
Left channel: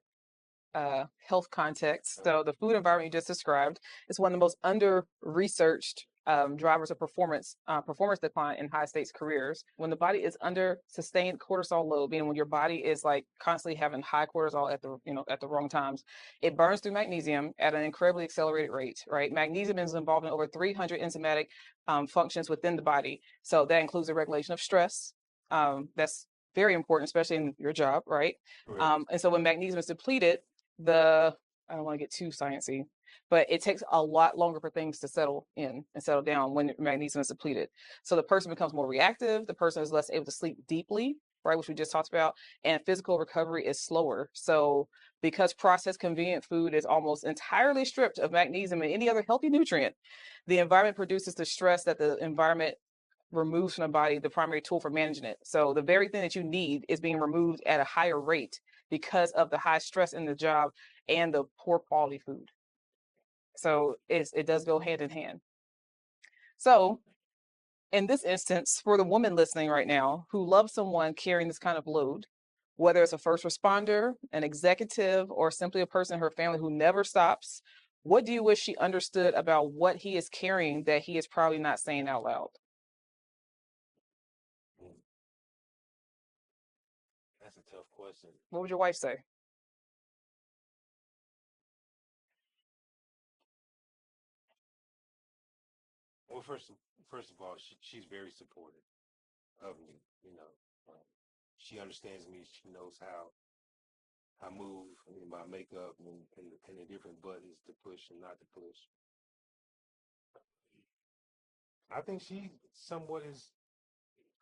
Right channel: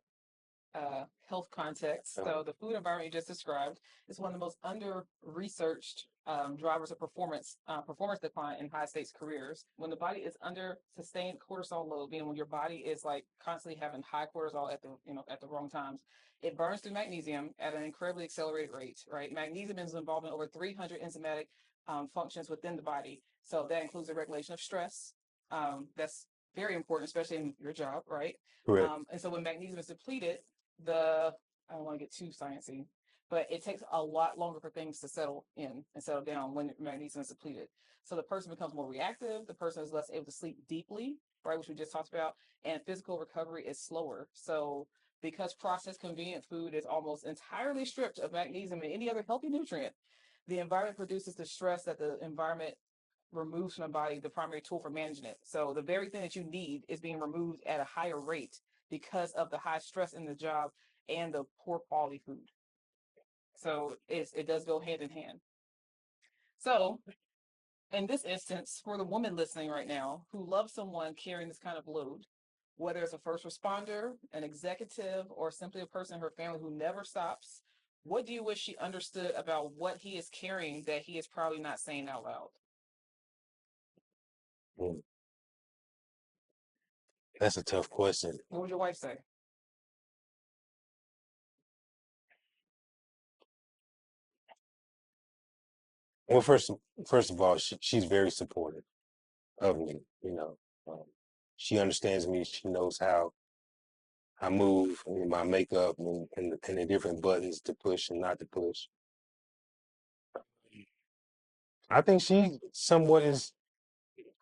health context. So the food environment you just described is one of the most under-researched drivers of performance decline in high stakes careers. When the body is under sustained cortisol load, meaning when your body is like constantly having high cortisol at the wrong times, it burns through magnesium at an incredibly accelerated rate. Right, magnesium is involved in over 300 enzymatic functions within the body. So that includes the regulation of stress. That's very important, especially in your job, right? And so when magnesium is depleted, I don't want to get too sciencey, but it takes a lot longer for things to settle in and settle down when magnesium is depleted. So the person becomes more reactive. The person is less able to sleep deeply, right, which we just talked about, and physical recovery is slower. So because processed convenient food is almost entirely stripped of magnesium and any other healthy nutrient, the environment produces the stress that the environment removes from the body, the primary tool for managing it. So the very thing that you need is being removed at a higher rate because of the high stress in the job and the poor quality food. So it does go hand in hand. So in this instance, for the woman listening right now who loves someone carrying this kind of load, whether it's a first responder, an executive, or simply a person in her family who never stops, what do you wish she understood about what he is carrying that he is probably not saying out loud? That's a tough question. What would your wife say? Well, first of all, she's very supportive of me. She understands me. She knows how I move, and my makeup, and the different buttons to push and not to push. I think she somewhat is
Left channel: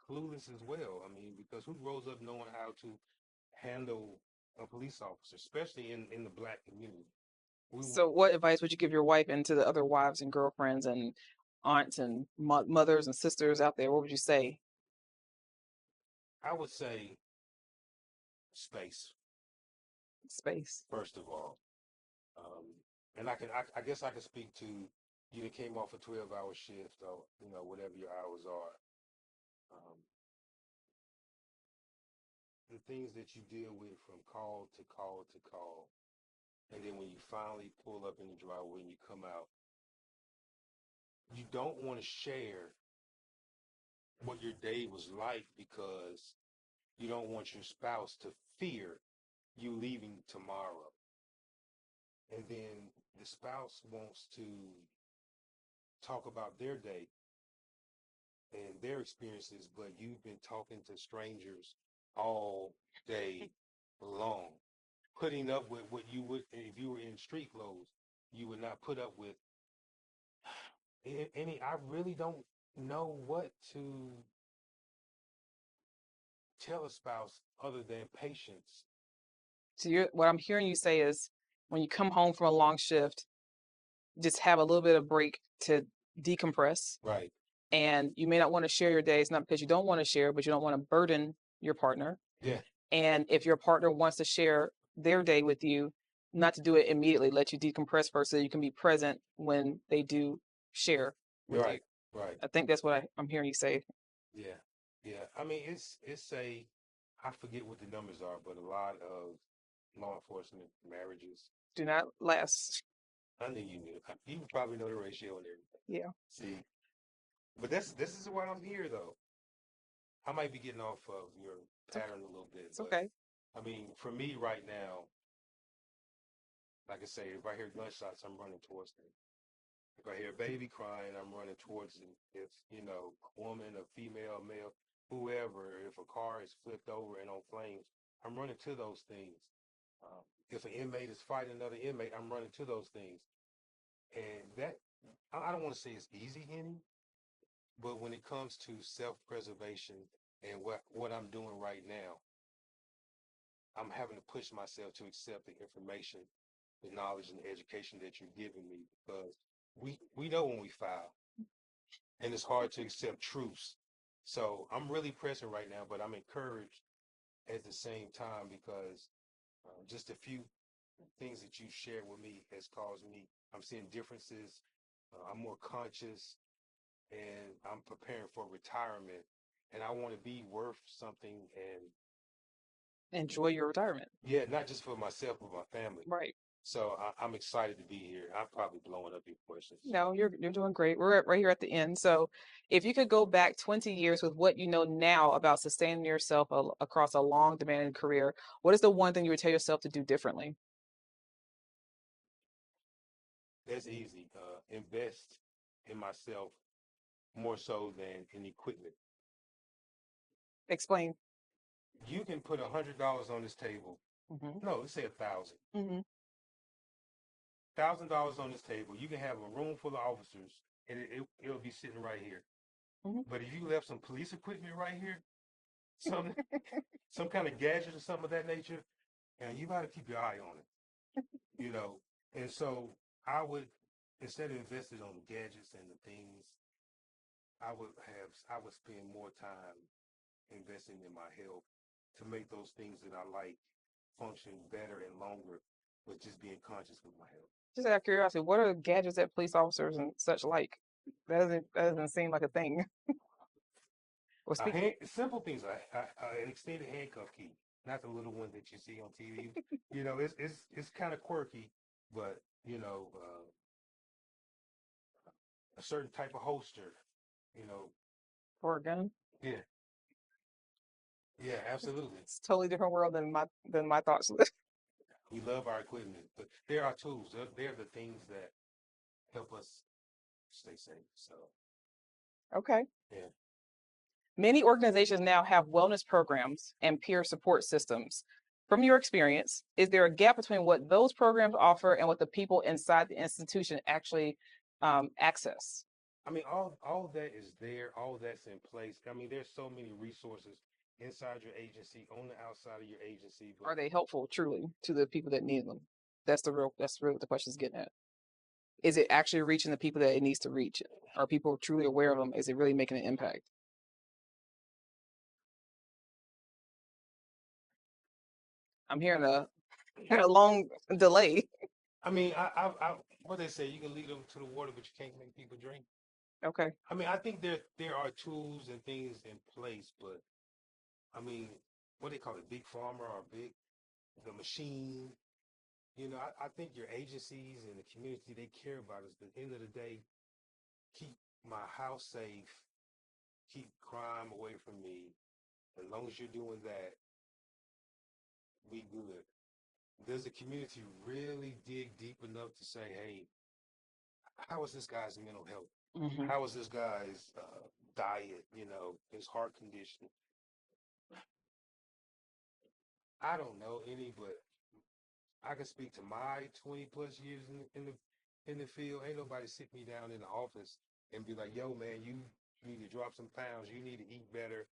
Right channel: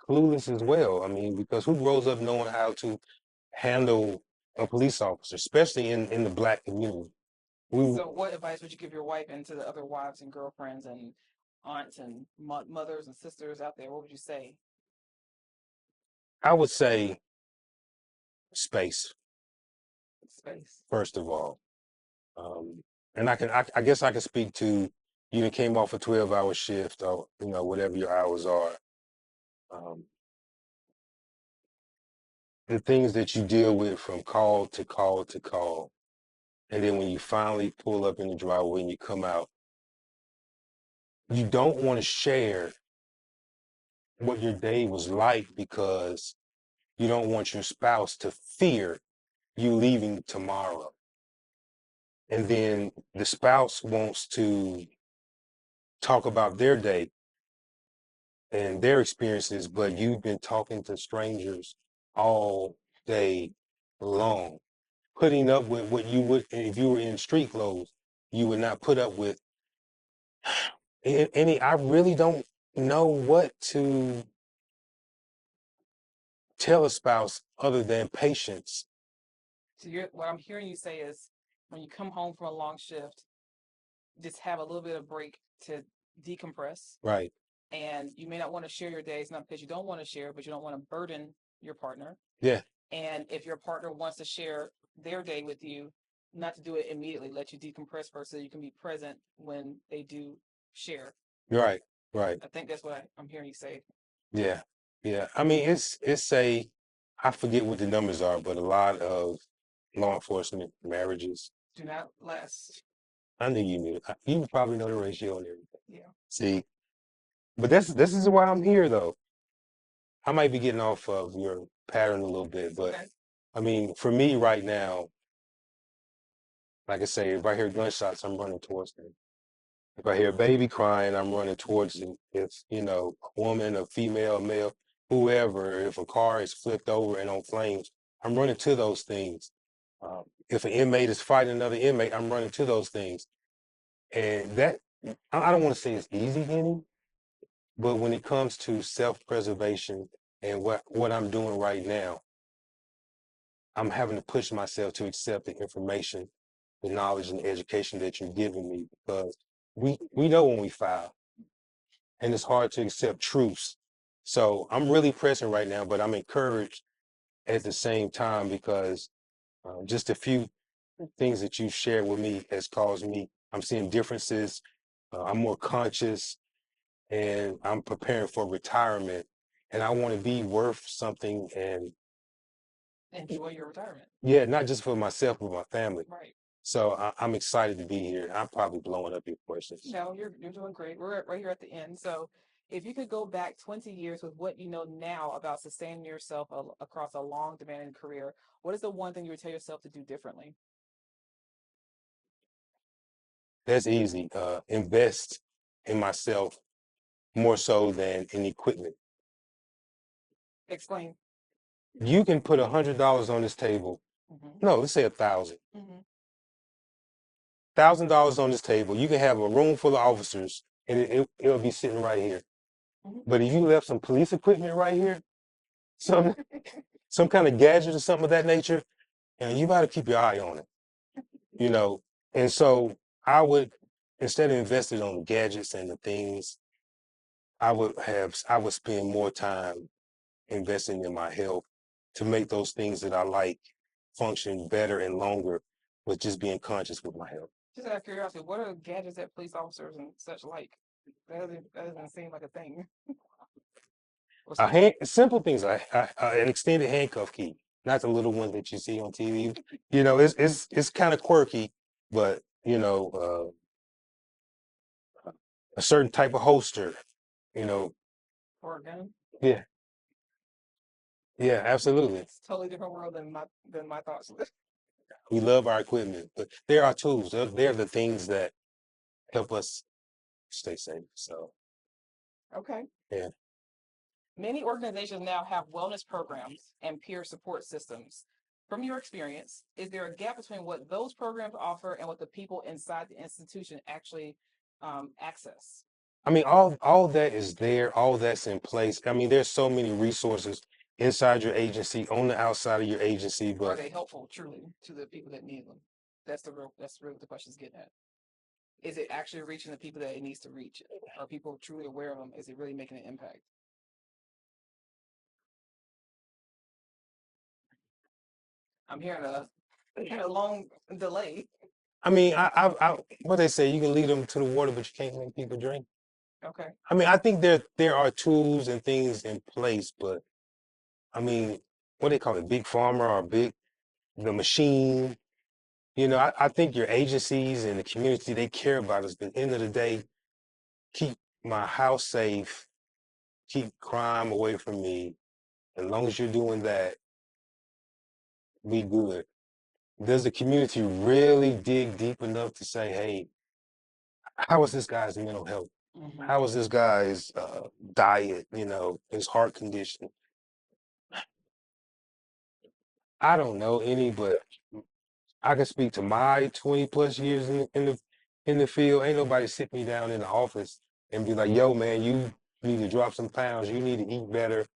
clueless as well. I mean, because who grows up knowing how to handle a police officer, especially in the Black community? So what advice would you give your wife and to the other wives and girlfriends and aunts and mothers and sisters out there? What would you say? I would say space, Space. first of all. And I guess I can speak to, you came off a 12-hour shift, or, whatever your hours are. The things that you deal with from call to call to call. And then when you finally pull up in the driveway and you come out, you don't want to share what your day was like because you don't want your spouse to fear you leaving tomorrow. And then the spouse wants to talk about their day and their experiences, but you've been talking to strangers all day long, putting up with what you would, if you were in street clothes, you would not put up with any. I really don't know what to tell a spouse other than patience. So what I'm hearing you say is when you come home from a long shift, just have a little bit of break to decompress. Right. And you may not want to share your days, not because you don't want to share, but you don't want to burden your partner. Yeah. And if your partner wants to share their day with you, not to do it immediately, let you decompress first so you can be present when they do share. Right. Right. I think that's what I'm hearing you say. Yeah. Yeah. I mean, I forget what the numbers are, but a lot of law enforcement marriages do not last. I knew you knew. You probably know the ratio and everything. Yeah. See, but this is why I'm here, though. I might be getting off of your pattern a little bit, but okay. I mean, for me right now, like I say, if I hear gunshots, I'm running towards them. If I hear a baby crying, I'm running towards it. If, you know, a woman, a female, a male, whoever, if a car is flipped over and on flames, I'm running to those things. If an inmate is fighting another inmate, I'm running to those things. And that, I don't want to say it's easy, Henny, but when it comes to self-preservation and what I'm doing right now, I'm having to push myself to accept the information, the knowledge and the education that you're giving me because we know when we foul and it's hard to accept truths. So I'm really pressing right now, but I'm encouraged at the same time because just a few things that you shared with me has caused me, I'm seeing differences. I'm more conscious and I'm preparing for retirement and I want to be worth something and Enjoy your retirement. yeah, not just for myself, but my family. Right. So I'm excited to be here. I'm probably blowing up your questions. No, you're doing great. We're right here at the end. So, if you could go back 20 years with what you know now about sustaining yourself across a long, demanding career, what is the one thing you would tell yourself to do differently? That's easy. Invest in myself more so than in equipment. Explain. You can put $100 on this table. Mm-hmm. No, let's say 1,000. Mm-hmm. $1,000 on this table. You can have a room full of officers, and it'll be sitting right here. Mm-hmm. But if you left some police equipment right here, some some kind of gadget or something of that nature, and you got to keep your eye on it. You know, and so I would instead of investing on the gadgets and the things, I would spend more time investing in my health to make those things that I like function better and longer with just being conscious with my health. Just out of curiosity, what are gadgets that police officers and such like? That doesn't seem like a thing. Simple things like an extended handcuff key, not the little one that you see on TV. You know, it's kind of quirky, but you know, a certain type of holster. You know, Or a gun. yeah, yeah, absolutely. It's a totally different world than my thoughts. We love our equipment, but they're our tools. They're the things that help us stay safe. So, Okay. yeah. Many organizations now have wellness programs and peer support systems. From your experience, is there a gap between what those programs offer and what the people inside the institution actually access? I mean, all that is there, all that's in place. I mean, there's so many resources inside your agency, on the outside of your agency, Are but they helpful truly to the people that need them? That's really what the question is getting at. Is it actually reaching the people that it needs to reach? Are people truly aware of them? Is it really making an impact? I'm hearing a long delay. I mean, what they say, you can lead them to the water, but you can't make people drink. Okay. I mean, I think there are tools and things in place, but I mean, what they call it, big pharma or the machine. You know, I think your agencies and the community, they care about us, but at the end of the day, keep my house safe, keep crime away from me. As long as you're doing that, be good. Does the community really dig deep enough to say, hey, how is this guy's mental health? Mm-hmm. How is this guy's diet, you know, his heart condition? I don't know any, but I can speak to my 20 plus years in the field. Ain't nobody sit me down in the office and be like, yo, man, you need to drop some pounds, you need to eat better,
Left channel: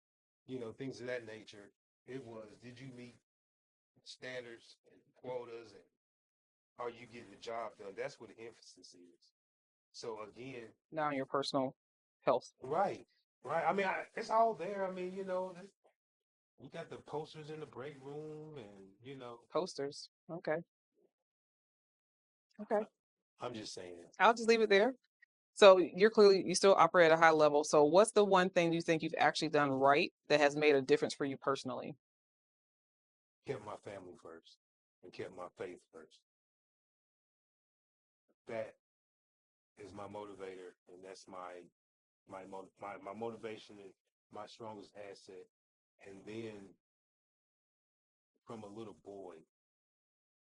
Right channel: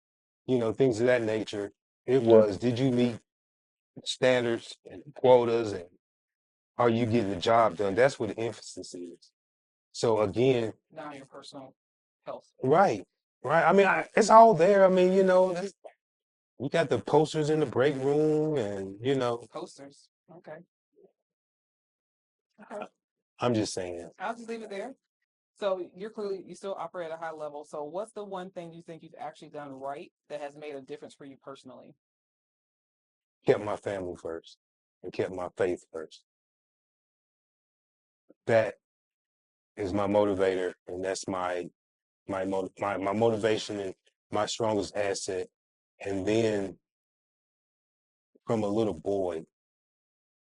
you know, things of that nature. It was, did you meet standards and quotas and are you getting the job done? That's what the emphasis is. So again, Now your personal health. right, right. I mean, it's all there. I mean, you know, we got the posters in the break room, and you know, Posters. Okay. Okay. I'm just saying, I'll just leave it there. So you still operate at a high level. So what's the one thing you think you've actually done right that has made a difference for you personally? kept my family first and kept my faith first. That is my motivator, and that's my motivation and my strongest asset. And then from a little boy,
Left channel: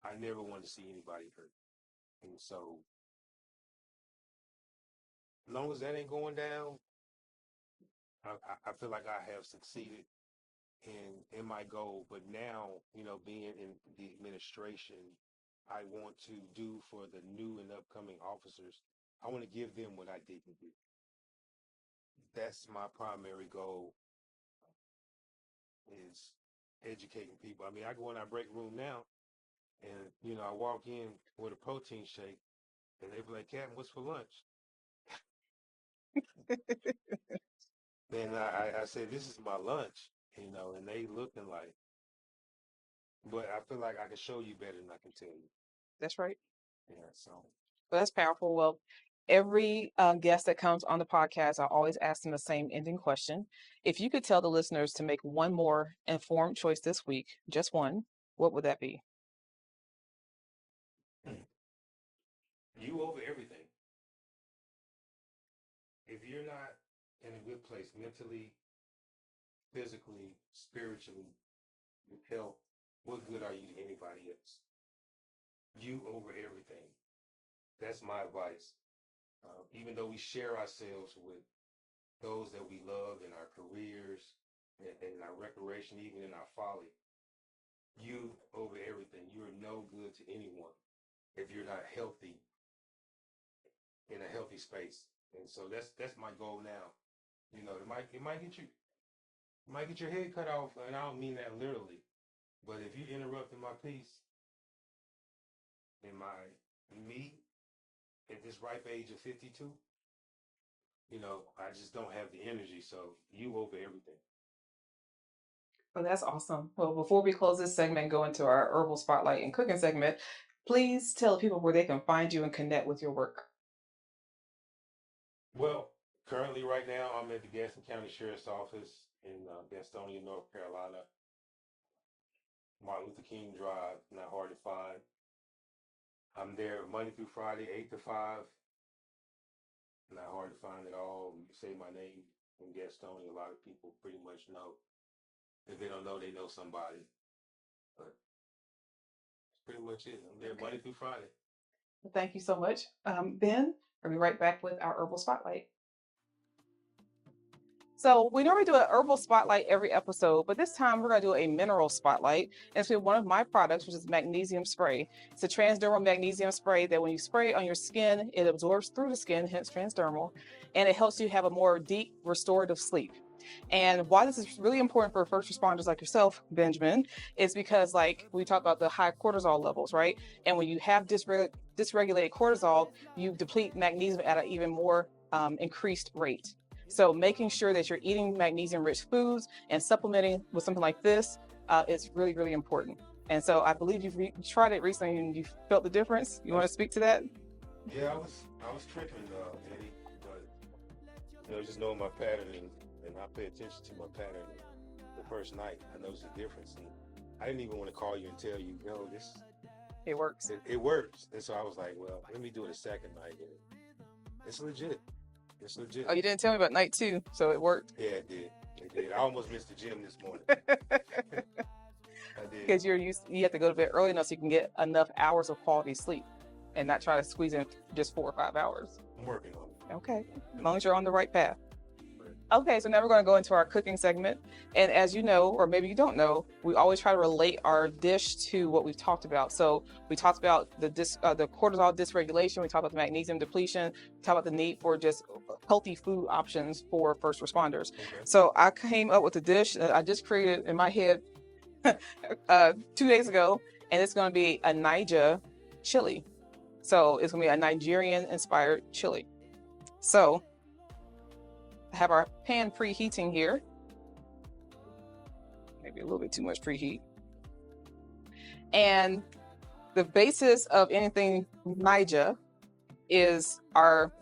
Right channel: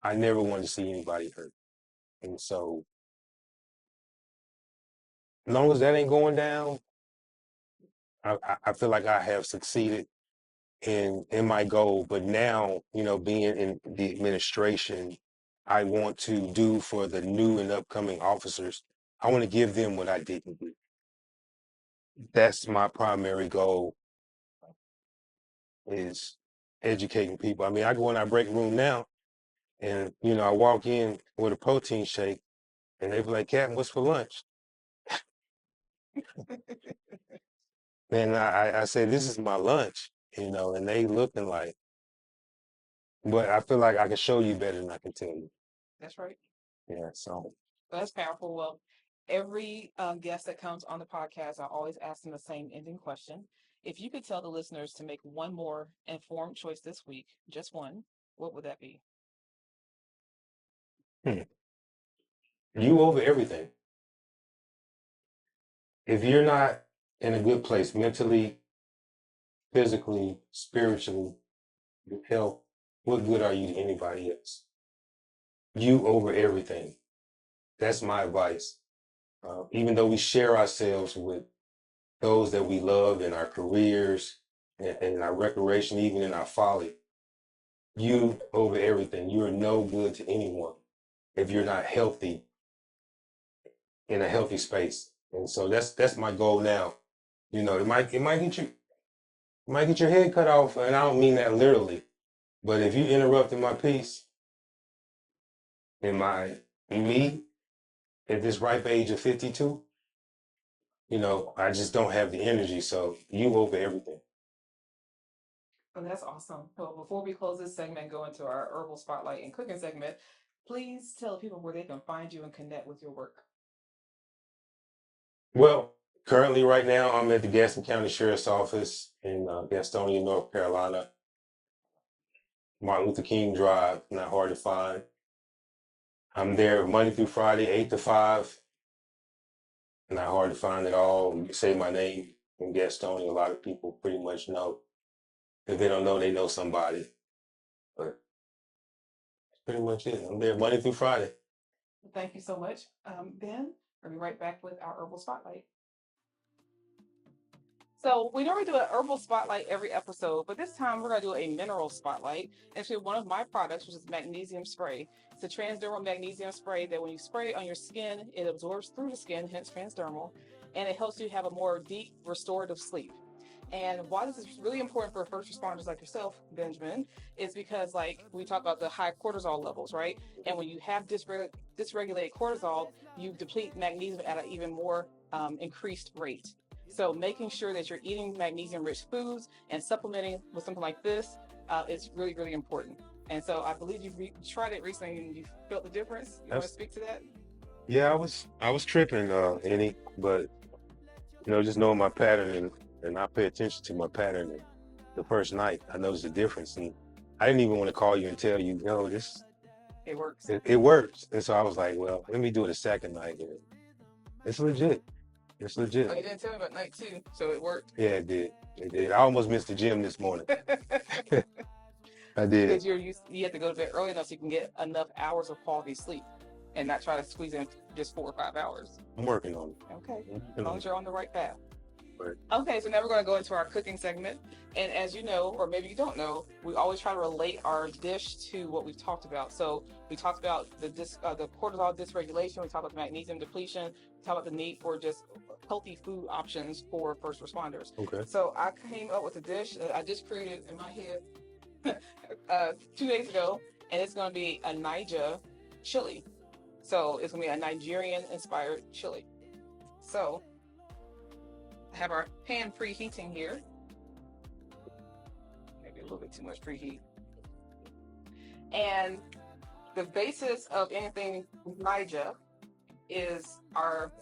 I never wanted to see anybody hurt, and so As long as that ain't going down, I feel like I have succeeded in my goal. But now, being in the administration, I want to do for the new and upcoming officers. I want to give them what I didn't do. That's my primary goal, is educating people. I mean, I go in our break room now, and I walk in with a protein shake, and they be like, "Captain, what's for lunch?" And I say, "This is my lunch," and they looking like, but I feel like I can show you better than I can tell you. That's right. Yeah, so That's powerful. Well, every guest that comes on the podcast, I always ask them the same ending question. If you could tell the listeners to make one more informed choice this week, just one, what would that be? you over everything. If you're not in a good place mentally, physically, spiritually, with health, what good are you to anybody else? You over everything. That's my advice. Even though we share ourselves with those that we love in our careers and in our recreation, even in our folly, you over everything. You are no good to anyone if you're not healthy, in a healthy space. And so that's my goal now. It might get your head cut off, and I don't mean that literally. But if you interrupted my peace in me at this ripe age of 52, I just don't have the energy. So you over everything. Oh, that's awesome. Well, before we close this segment and go into our herbal spotlight and cooking segment, please tell people where they can find you and connect with your work. Well, currently right now I'm at the Gaston County Sheriff's Office in Gastonia, North Carolina. Martin Luther King Drive, not hard to find. I'm there Monday through Friday, 8 to 5. Not hard to find at all. You say my name in Gastonia, a lot of people pretty much know. If they don't know, they know somebody. But that's pretty much it. I'm there Monday through Friday. Thank you so much. Ben, we'll be right back with our herbal spotlight. So we normally do an herbal spotlight every episode, but this time we're going to do a mineral spotlight. And it's one of my products, which is magnesium spray. It's a transdermal magnesium spray that when you spray it on your skin, it absorbs through the skin, hence transdermal, and it helps you have a more deep restorative sleep. And why this is really important for first responders like yourself, Benjamin, is because like we talk about the high cortisol levels, right? And when you have dysregulated cortisol, you deplete magnesium at an even more increased rate. So making sure that you're eating magnesium-rich foods and supplementing with something like this is really, really important. And so I believe you've tried it recently and you felt the difference. You want to speak to that? Yeah, I was tripping, Annie, but just knowing my pattern and I pay attention to my pattern. And the first night, I noticed the difference, and I didn't even want to call you and tell you, it works. It works. And so I was like, well, let me do it a second night. It's legit. It's legit. Oh, you didn't tell me about night 2, so it worked. Yeah, it did. It did. I almost missed the gym this morning. I did. Because you have to go to bed early enough so you can get enough hours of quality sleep and not try to squeeze in just 4 or 5 hours. I'm working on it. Okay. As long as you're on the right path. Okay, so now we're going to go into our cooking segment. And as you know, or maybe you don't know, we always try to relate our dish to what we've talked about. So we talked about the cortisol dysregulation. We talked about the magnesium depletion. We talked about the need for just healthy food options for first responders. Okay. So I came up with a dish that I just created in my head 2 days ago, and it's going to be a Naija chili. So it's going to be a Nigerian-inspired chili. So have our pan preheating here. Maybe a little bit too much preheat. And the basis of anything Naija is our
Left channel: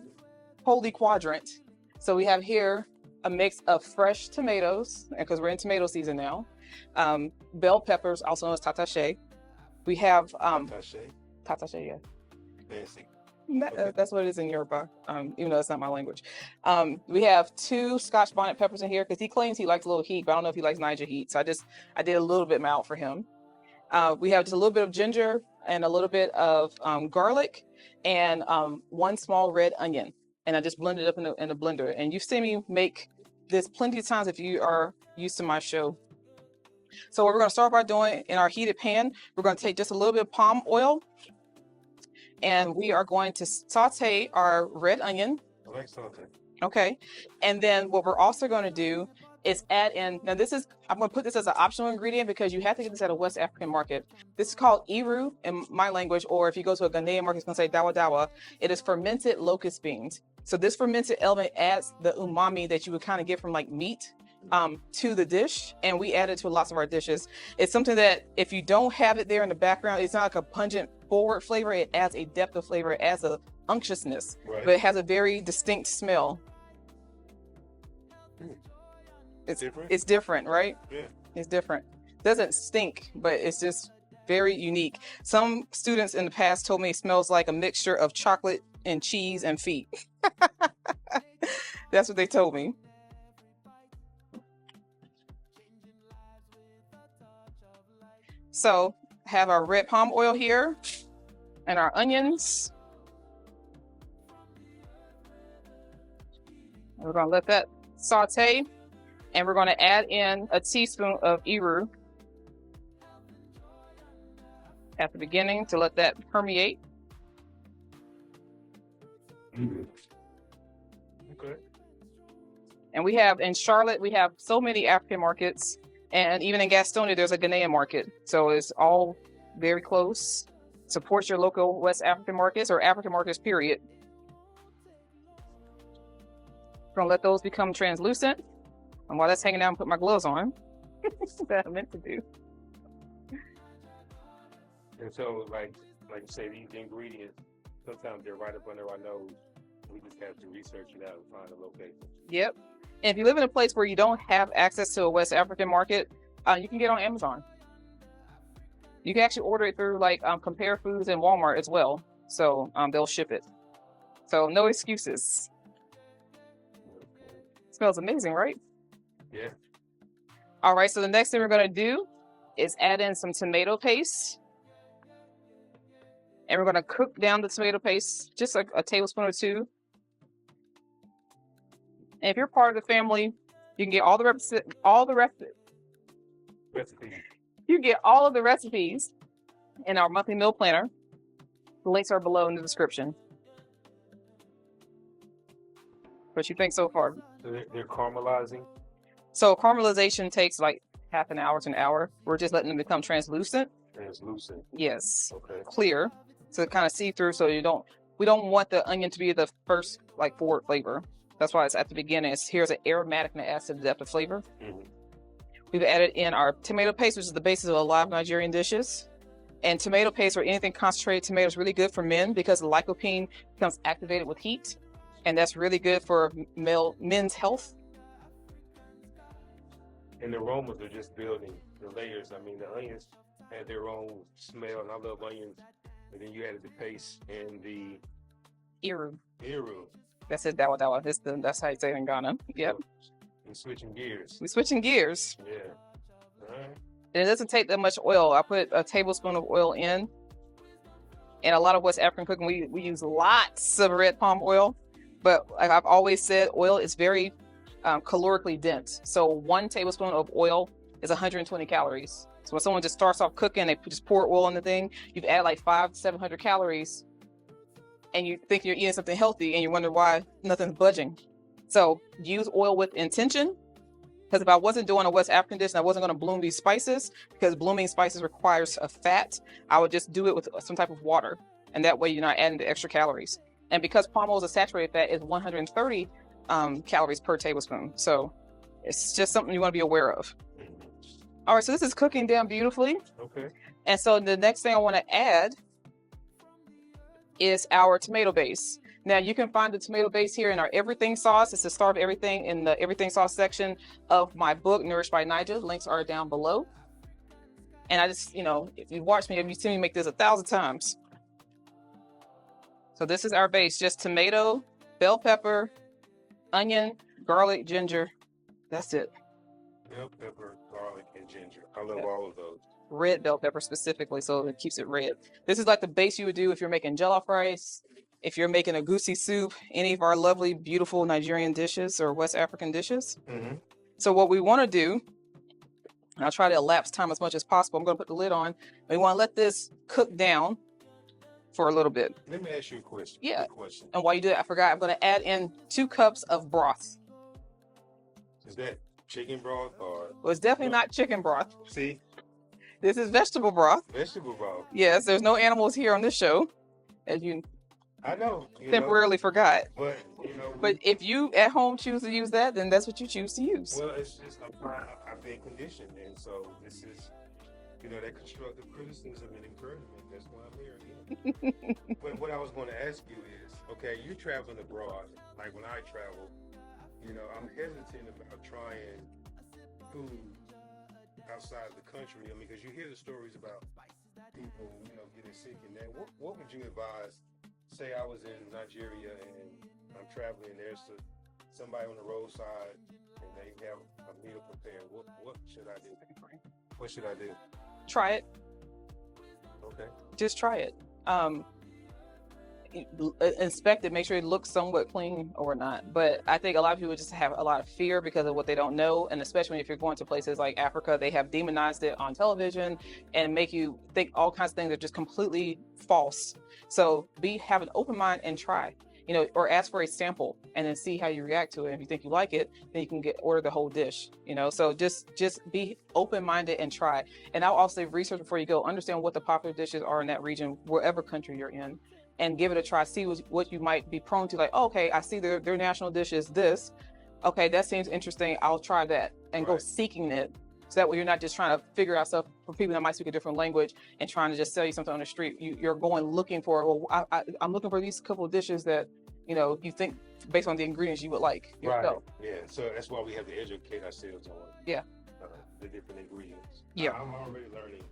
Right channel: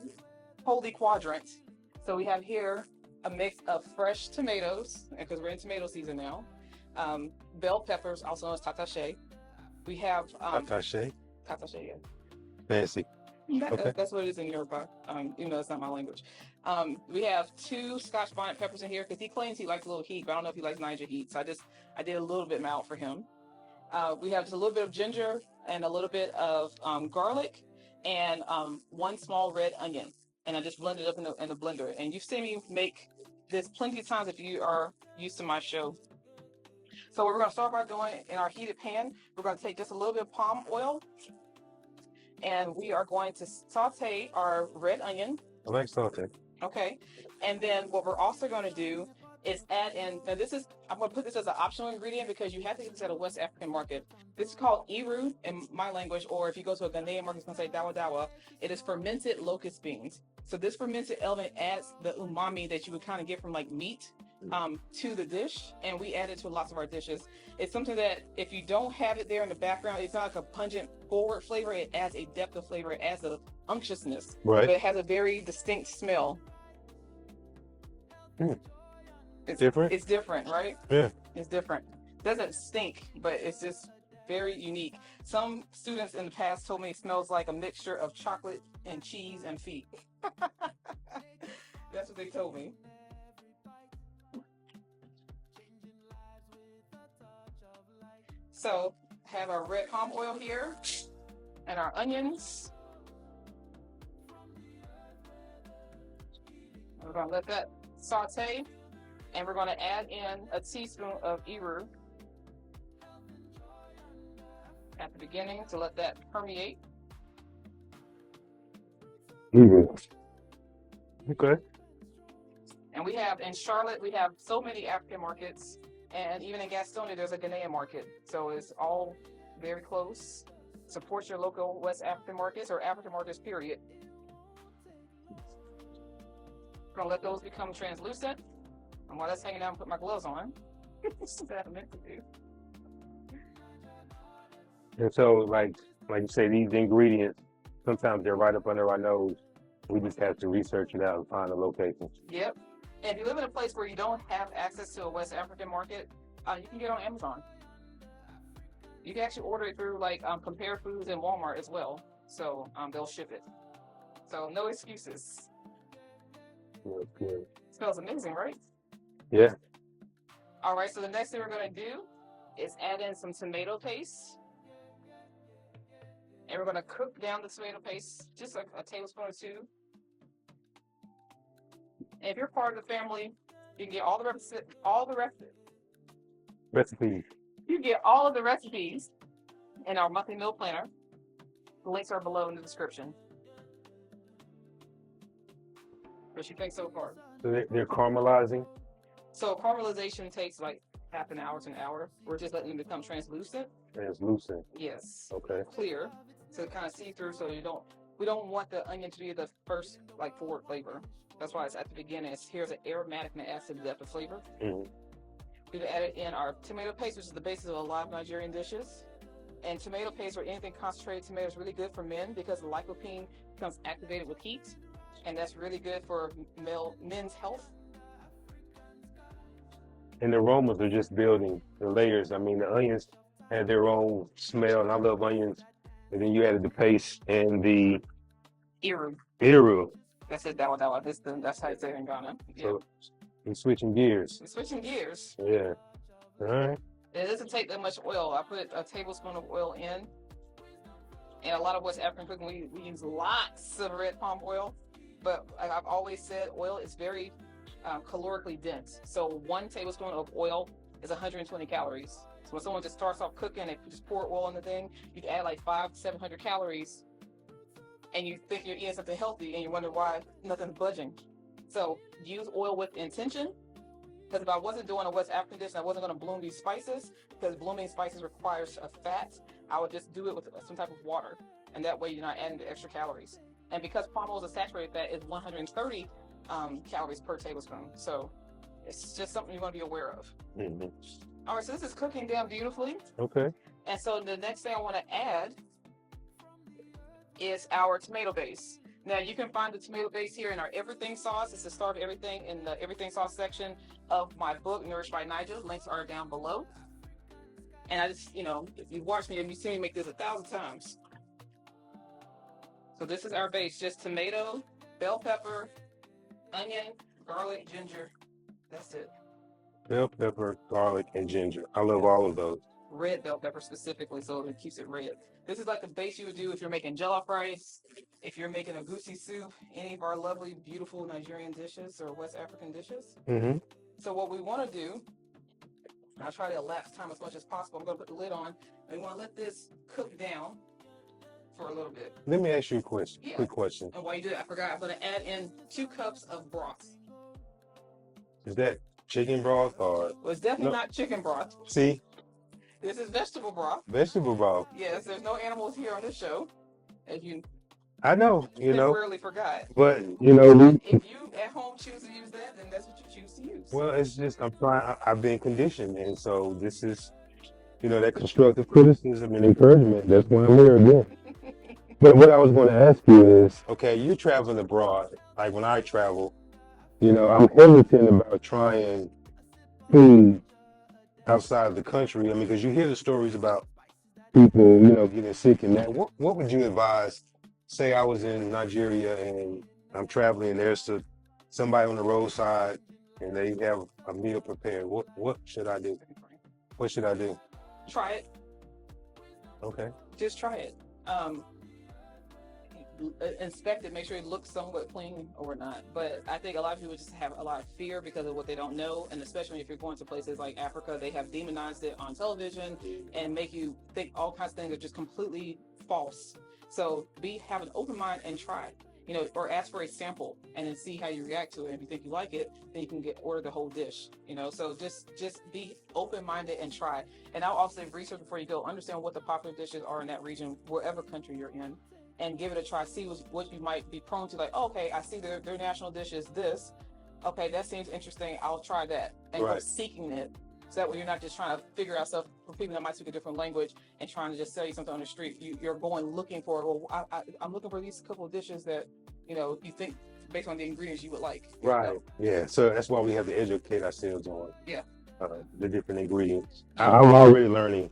holy quadrant. So we have here a mix of fresh tomatoes, because we're in tomato season now. Bell peppers, also known as tatache. We have Tatache? Tatache, yeah. Fancy. Okay. That's what it is in Yoruba, even though that's not my language. We have 2 Scotch bonnet peppers in here because he claims he likes a little heat, but I don't know if he likes Naija heat. So I did a little bit mild for him. We have just a little bit of ginger and a little bit of garlic and 1 small red onion. and I just blend it up in the blender. And you've seen me make this plenty of times if you are used to my show. So what we're going to start by doing in our heated pan, we're going to take just a little bit of palm oil, and we are going to saute our red onion. I like saute. Okay. And then what we're also going to do is add in, now this is, I'm going to put this as an optional ingredient because you have to get this at a West African market. This is called Iru in my language, or if you go to a Ghanaian market, it's going to say dawa dawa. It is fermented locust beans. So this fermented element adds the umami that you would kind of get from like meat to the dish, and we add it to lots of our dishes. It's something that if you don't have it there in the background, it's not like a pungent forward flavor. It adds a depth of flavor. It adds a unctuousness, Right. but it has a very distinct smell. It's different. It's different, right? Yeah. It's different. Doesn't stink, but it's just very unique. Some students in the past told me it smells like a mixture of chocolate and cheese and feet. That's what they told me. So have our red palm oil here and our onions. We're going to let that saute, and we're going to add in a teaspoon of Iru at the beginning to let that permeate. Okay. And we have in Charlotte, we have so many African markets, and even in Gaston, there's a Ghanaian market. So it's all very close. Support your local West African markets or African markets, period. We're gonna let those become translucent. And while that's hanging out, put my gloves on. That's what I meant to do. And so, like you say, these ingredients, sometimes they're right up under our nose. We just have to research it out and find a location. Yep. And if you live in a place where you don't have access to a West African market, you can get on Amazon. You can actually order it through like Compare Foods and Walmart as well. So they'll ship it. So no excuses. Good. Smells amazing, right? Yeah. All right, so the next thing we're going to do is add in some tomato paste. And we're going to cook down the tomato paste, just a tablespoon or two. And if you're part of the family, you can get all the recipes. You can get all of the recipes in our monthly meal planner. The links are below in the description. What you think so far? So they're caramelizing? So caramelization takes like half an hour to an hour. We're just letting them become translucent. Translucent. Yes. Okay. Clear. So kind of see through, so we don't want the onion to be the first like forward flavor. That's why it's at the beginning. Here's an aromatic and acid depth of flavor. Mm-hmm. We've added in our tomato paste, which is the basis of a lot of Nigerian dishes. And tomato paste or anything concentrated tomato is really good for men because the lycopene becomes activated with heat. And that's really good for men's health. And the aromas are just building the layers. I mean, the onions had their own smell, and I love onions. And then you added the paste and the Iru. That's it, dawa dawa. That's how you say it in Ghana. Yep. So we're switching gears. We're switching gears. Yeah. All right. And it doesn't take that much oil. I put a tablespoon of oil in. And a lot of West African cooking, we use lots of red palm oil. But like I've always said, oil is very calorically dense. So 1 tablespoon of oil is 120 calories. So when someone just starts off cooking, they just pour oil on the thing, you've added like 500 to 700 calories, and you think you're eating something healthy, and you wonder why nothing's budging. So use oil with intention, because if I wasn't doing a West African dish and I wasn't going to bloom these spices, because blooming spices requires a fat, I would just do it with some type of water, and that way you're not adding the extra calories. And because palm oil is a saturated fat, it's 130 calories per tablespoon. So it's just something you want to be aware of. Mm-hmm. All right, so this is cooking down beautifully. Okay. And so the next thing I want to add is our tomato base. Now you can find the tomato base here in our everything sauce. It's the Star of Everything in the everything sauce section of my book, Nourished by Naija. Links are down below. And I just, if you watch me, you've seen me make this 1,000 times. So this is our base, just tomato, bell pepper, onion, garlic, ginger. That's it. Bell pepper, garlic, and ginger. I love all of those. Red bell pepper specifically, so it keeps it red. This is like the base you would do if you're making jollof rice, if you're making a goosey soup, any of our lovely, beautiful Nigerian dishes or West African dishes. Mm-hmm. So what we want to do, I'll try to elapse time as much as possible. I'm going to put the lid on. We want to let this cook down for a little bit. Let me ask you a question. Yeah. Quick question. And while you do that, I forgot, I'm going to add in 2 cups of broth. Is that chicken broth or? Well, it's definitely not chicken broth. See? This is vegetable broth. Vegetable broth. Yes, there's no animals here on this show, as you I know, temporarily forgot. But but if you at home choose to use that, then that's what you choose to use. Well, it's just I've been conditioned, and so this is, that constructive criticism and encouragement. That's why I'm here again. But what I was going to ask you is, okay, you're traveling abroad. Like when I travel, I'm hesitant about trying food outside of the country. I mean, because you hear the stories about people, getting sick and that. What would you advise? Say I was in Nigeria and I'm traveling, and there's somebody on the roadside and they have a meal prepared. What should I do? What should I do? Try it. Okay. Just try it. Inspect it, make sure it looks somewhat clean or not. But I think a lot of people just have a lot of fear because of what they don't know, and especially if you're going to places like Africa, they have demonized it on television and make you think all kinds of things are just completely false. So have an open mind and try, or ask for a sample and then see how you react to it. If you think you like it, then you can order the whole dish, So just be open-minded and try. And I'll also research before you go, understand what the popular dishes are in that region, wherever country you're in, and give it a try. See what you might be prone to. Like, okay, I see their national dish is this. Okay, that seems interesting. I'll try that and go seeking it. So that way you're not just trying to figure out stuff for people that might speak a different language and trying to just sell you something on the street. You're going looking for, I'm looking for these couple of dishes that, you think based on the ingredients you would like. Right. Yeah. So that's why we have to educate ourselves on the different ingredients. Yeah. I'm already learning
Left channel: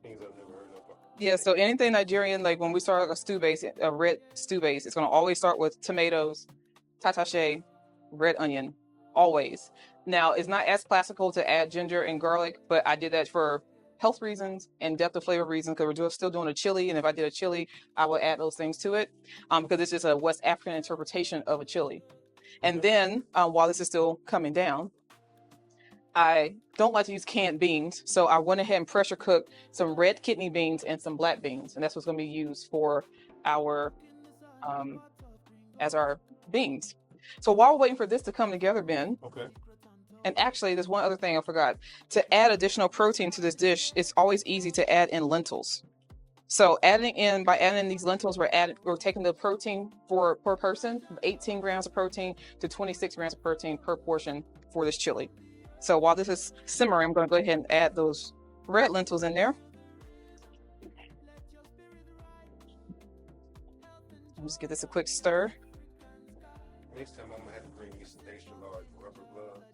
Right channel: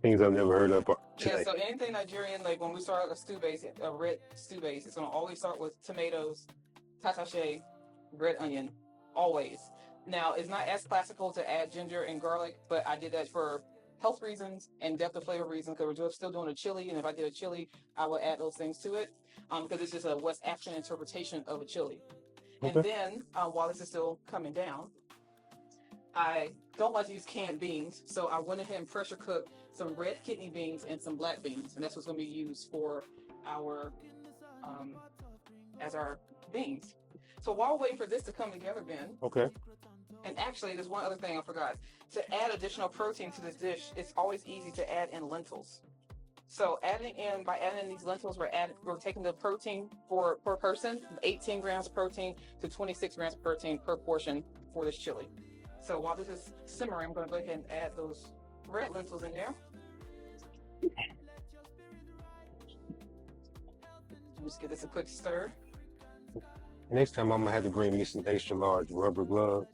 things I've never heard of. Yeah. So anything Nigerian, like when we start a stew base, a red stew base, it's going to always start with tomatoes, tatashe, red onion, always. Now, it's not as classical to add ginger and garlic, but I did that for health reasons and depth of flavor reasons because we're still doing a chili. And if I did a chili, I would add those things to it because it's just a West African interpretation of a chili. Okay. And then while this is still coming down, I don't like to use canned beans. So I went ahead and pressure cooked some red kidney beans and some black beans. And that's what's going to be used for our as our beans. So while we're waiting for this to come together, Ben. Okay. And actually, there's one other thing I forgot. To add additional protein to this dish, it's always easy to add in lentils. So by adding in these lentils, we're taking the protein per person, 18 grams of protein to 26 grams of protein per portion for this chili. So while this is simmering, I'm going to go ahead and add those red lentils in there. Just give this a quick stir. Next time I'm going to have to bring me some extra large rubber gloves.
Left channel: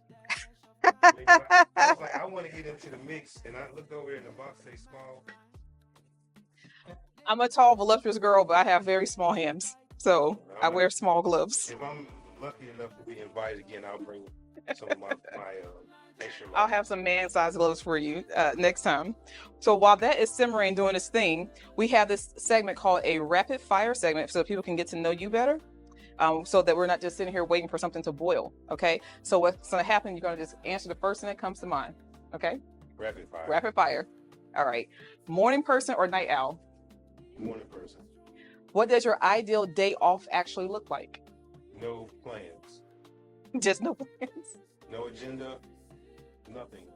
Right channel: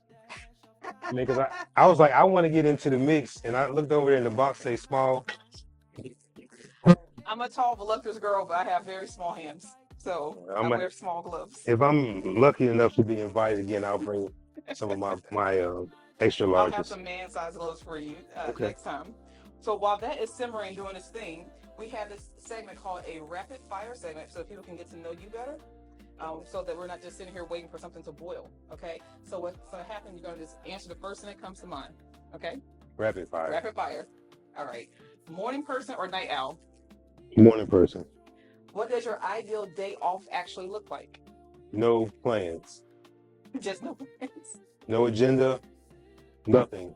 I was like, I want to get into the mix, and I looked over there in the box, say small. I'm a tall, voluptuous girl, but I have very small hands, so I wear small gloves. If I'm lucky enough to be invited again, I'll bring some of my extra large. I'll have some man-sized gloves for you next time. So while that is simmering, doing its thing, we have this segment called a rapid fire segment, so people can get to know you better. So that we're not just sitting here waiting for something to boil, okay? So what's going to happen, you're going to just answer the first thing that comes to mind, okay? Rapid fire. Rapid fire. All right. Morning person or night owl? Morning person. What does your ideal day off actually look like? No plans. Just no plans? No agenda, nothing.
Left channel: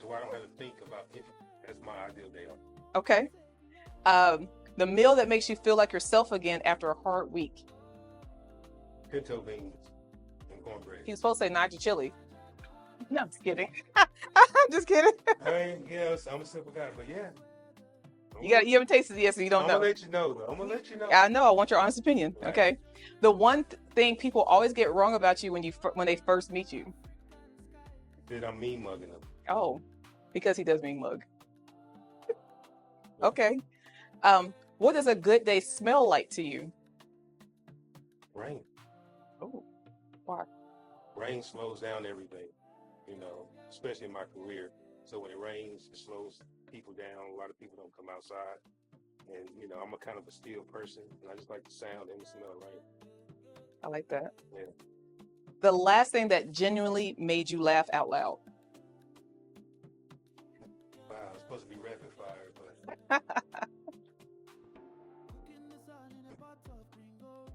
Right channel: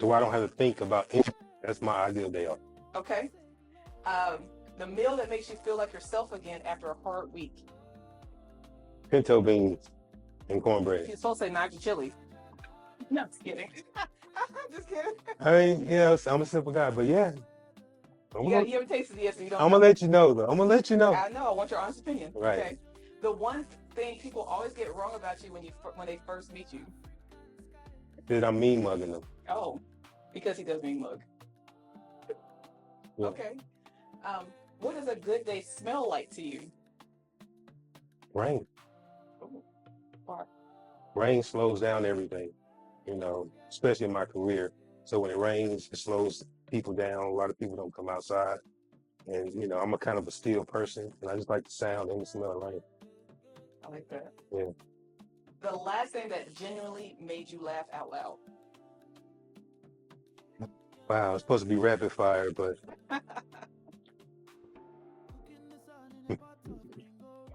So I don't have to think about anything. That's my ideal day off. Okay. The meal that makes you feel like yourself again after a hard week? Pinto beans and cornbread. He was supposed to say Naija chili. No, I'm just kidding. I'm just kidding. I mean, I'm a simple guy, but yeah. You haven't tasted it yet, so you don't know. I'm going to let you know, though. I'm going to let you know. I know. I want your honest opinion. Right. Okay. The one thing people always get wrong about you when they first meet you. That I'm mean mugging them. Oh, because he does mean mug. Yeah. Okay. What does a good day smell like to you? Rain. Oh, why? Rain slows down everything, especially in my career. So when it rains, it slows people down. A lot of people don't come outside. And, you know, I'm a kind of a still person, and I just like the sound and the smell of rain. I like that. Yeah. The last thing that genuinely made you laugh out loud. Wow, it's supposed to be rapid fire, but I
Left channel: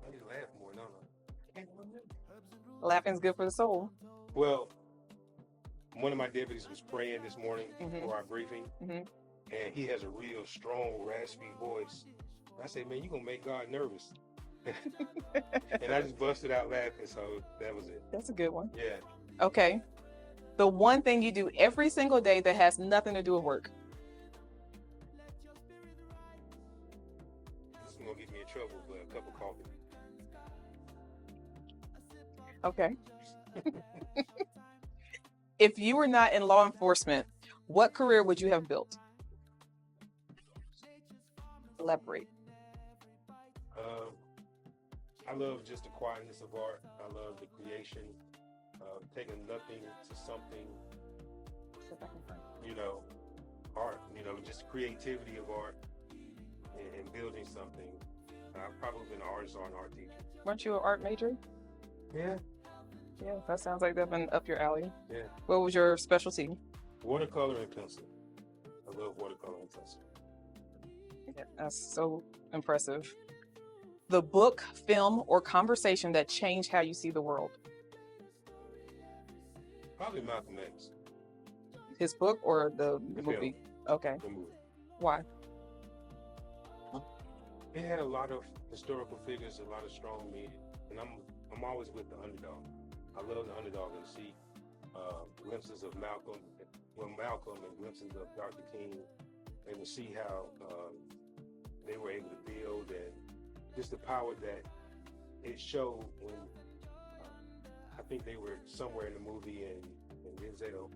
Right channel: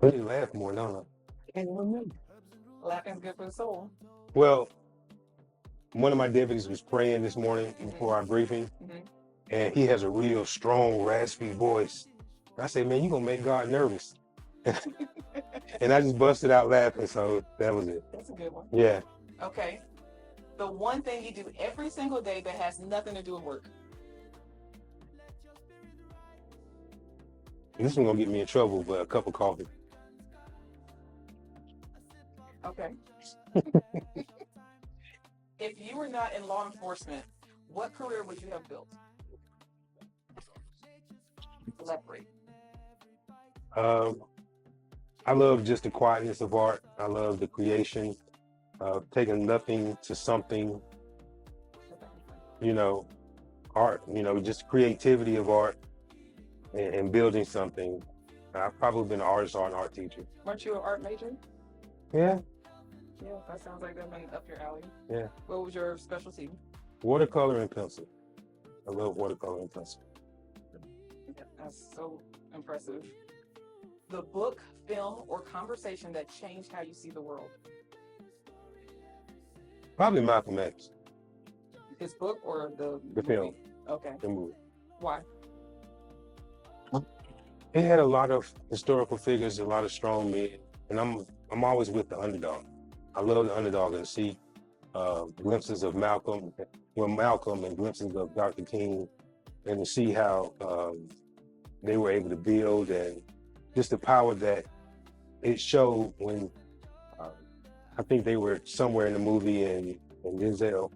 need to laugh more, don't I? Can't remember. Laughing's good for the soul. Well, one of my deputies was praying this morning before our briefing, and he has a real strong, raspy voice. I said, man, you're going to make God nervous. And I just busted out laughing, so that was it. That's a good one. Yeah. Okay. The one thing you do every single day that has nothing to do with work. This one's going to get me in trouble, but a cup of coffee. Okay. If you were not in law enforcement, what career would you have built? Elaborate. I love just the quietness of art. I love the creation of taking nothing to something, you know, art, you know, just creativity of art and building something. I've probably been an artist or an art teacher. Weren't you an art major? Yeah. Yeah, that sounds like that's been up your alley. Yeah. What was your specialty? Watercolor and pencil. I love watercolor and pencil. Yeah, that's so impressive. The book, film, or conversation that changed how you see the world? Probably Malcolm X. His book or the movie? Film. Okay. The movie. Why? It had a lot of historical figures, a lot of strong men, and I'm always with the underdog. I love the underdog and see glimpses of Malcolm and glimpses of Dr. King, and to see how they were able to build and just the power that it showed when I think they were somewhere in the movie and Denzel,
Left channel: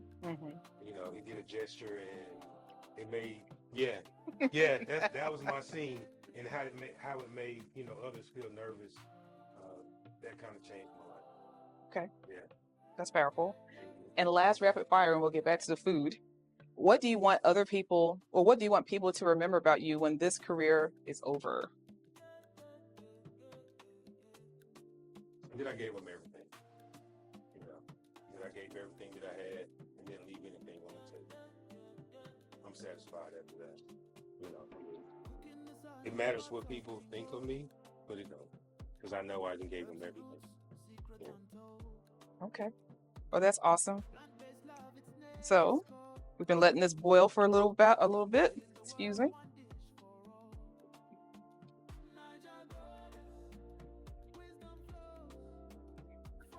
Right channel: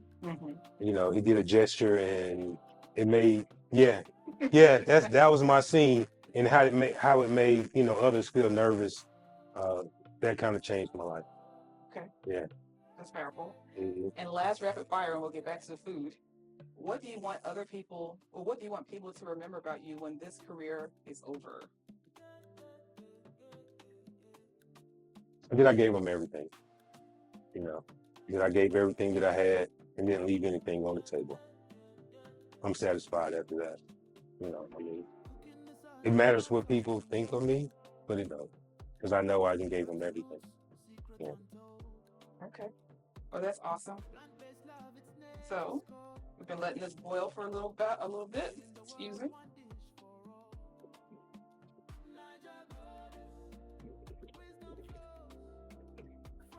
you know, he did a gesture and it made, that was my scene, and how it made, you know, others feel nervous. That kind of changed my life. Okay. Yeah. That's powerful. And last rapid fire, and we'll get back to the food. What do you want other people, or what do you want people to remember about you when this career is over? That I gave them everything. You know, that I gave everything that I had and didn't leave anything on the table. I'm satisfied after that. You know, I mean, it matters what people think of me, but it don't, because I know I can give them everything. Yeah. Okay. Well, that's awesome. So we've been letting this boil for a little bit. Excuse me.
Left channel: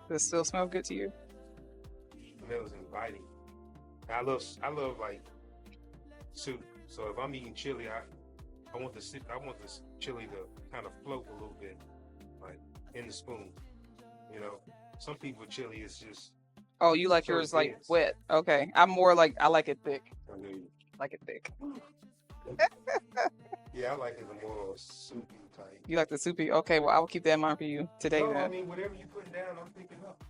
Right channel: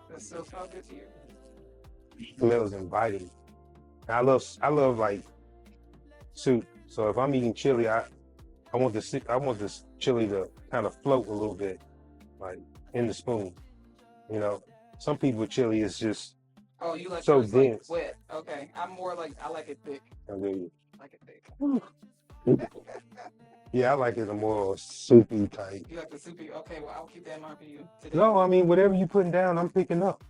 Does it still smell good to you? Smells inviting. I love like soup. So if I'm eating chili, I want this chili to kind of float a little bit, like in the spoon. You know, some people chili is just. Oh, you like so yours dense. like wet? Okay, I'm more like I like it thick. Okay. Like it thick. Yeah, I like it a more soupy type. You like the soupy? Okay, well, I will keep that in mind for you today. No, I mean, whatever you're putting down, I'm picking up.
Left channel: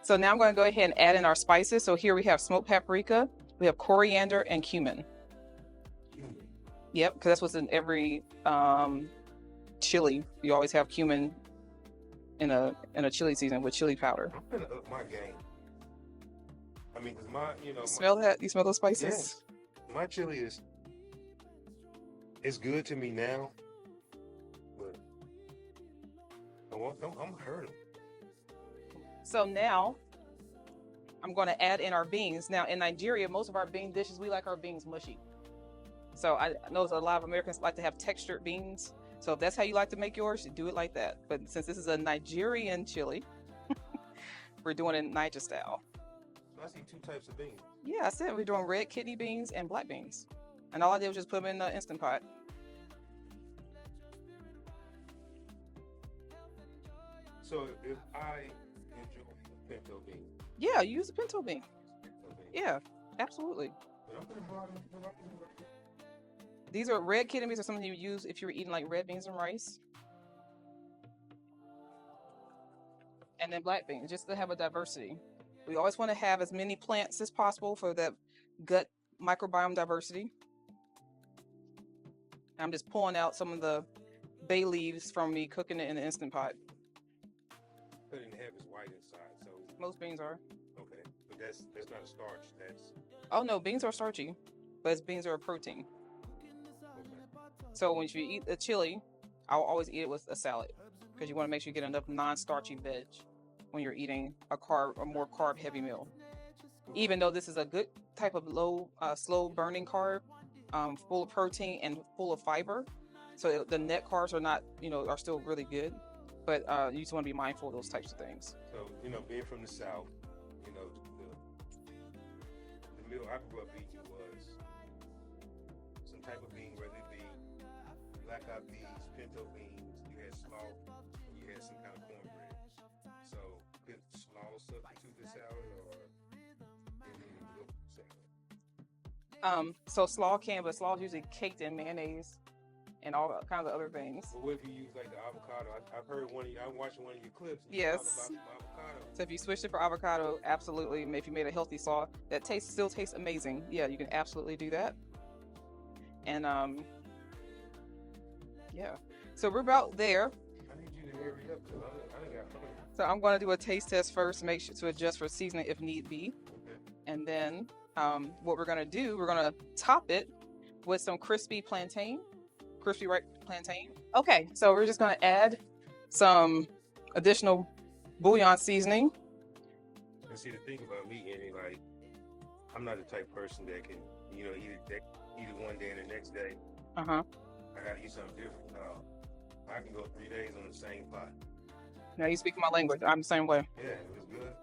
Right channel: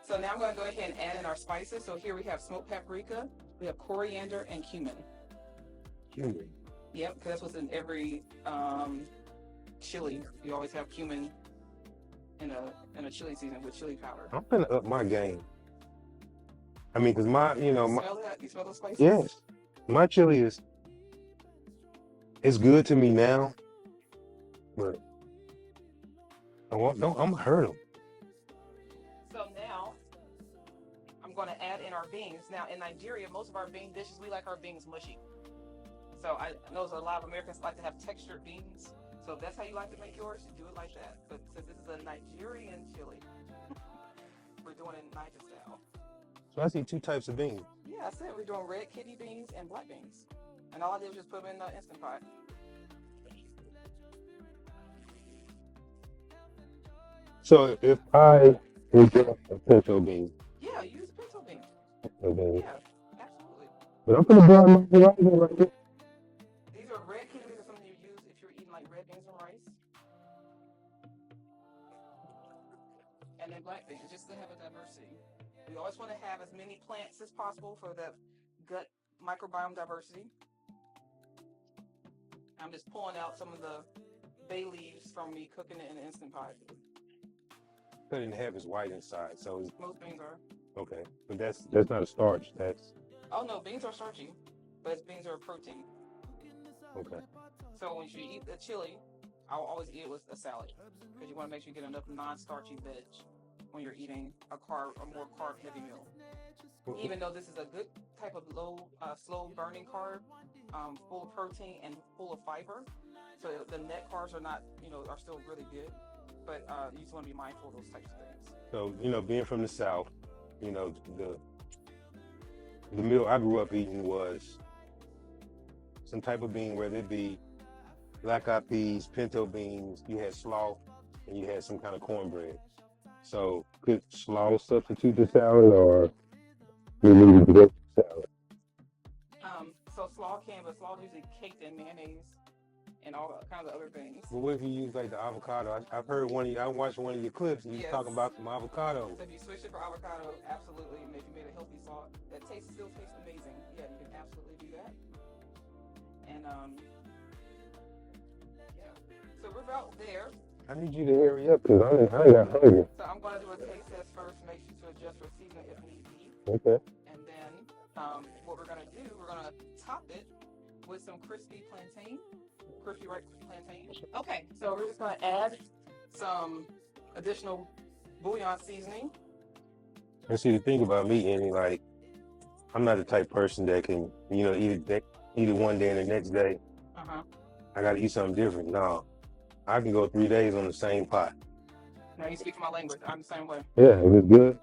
So now I'm going to go ahead and add in our spices. So here we have smoked paprika, we have coriander, and cumin. Cumin. Yep, because that's what's in every chili. You always have cumin in a chili season with chili powder. I'm gonna up my game. I mean, because Smell that? You smell those spices? Yes. My chili it's good to me now, but I'm gonna hurt them. So now I'm going to add in our beans. Now in Nigeria, most of our bean dishes, we like our beans mushy. So I know a lot of Americans like to have textured beans. So if that's how you like to make yours, do it like that. But since this is a Nigerian chili, we're doing it Naija style. So I see two types of beans. Yeah, I said we're doing red kidney beans and black beans. And all I did was just put them in the Instant Pot. So if I enjoy a pinto bean. Yeah, use a pinto bean. Yeah, absolutely. But I'm gonna brown my rice right here. These are red kidney beans, are something you use if you're eating like red beans and rice. And then black beans, just to have a diversity. We always want to have as many plants as possible for the gut microbiome diversity. I'm just pulling out some of the bay leaves from me cooking it in the Instant Pot. Cut it in half is white inside, so Most beans are. okay. But that's not a starch. That's Oh no, beans are starchy, but beans are a protein. okay. So when you eat the chili, I'll always eat it with a salad because you want to make sure you get enough non-starchy veg when you're eating a more carb-heavy meal. Even though this is a good type of slow burning carb, full of protein and full of fiber, so the net carbs are not, are still really good. But you just want to be mindful of those types of things. So being from the South, the meal I grew up eating was some type of bean, whether it be black-eyed peas, pinto beans, you had slaw, and you had some kind of cornbread. So could slaw substitute the salad, or we need to get salad? So slaw can, but slaw is usually caked in mayonnaise and all kinds of other things. Well, what if you use like the avocado? I've heard I watched one of your clips and you talking about some avocado. So if you switched it for avocado, absolutely. If you made a healthy slaw that still tastes amazing, yeah, you can absolutely do that. And yeah, so we're about there. I need you to hurry up because I got hungry. So I'm going to do a taste test first to make sure to adjust for seasoning if need be. Okay. And then what we're going to do, we're going to top it with some crispy ripe plantain. Okay, so we're just going to add some additional bouillon seasoning. And see, the thing about me, Annie, like, I'm not the type of person that can, eat it one day and the next day. I got to eat something different. No, I can go 3 days on the same pot. Now you speak my language. I'm the same way. Yeah, it was good.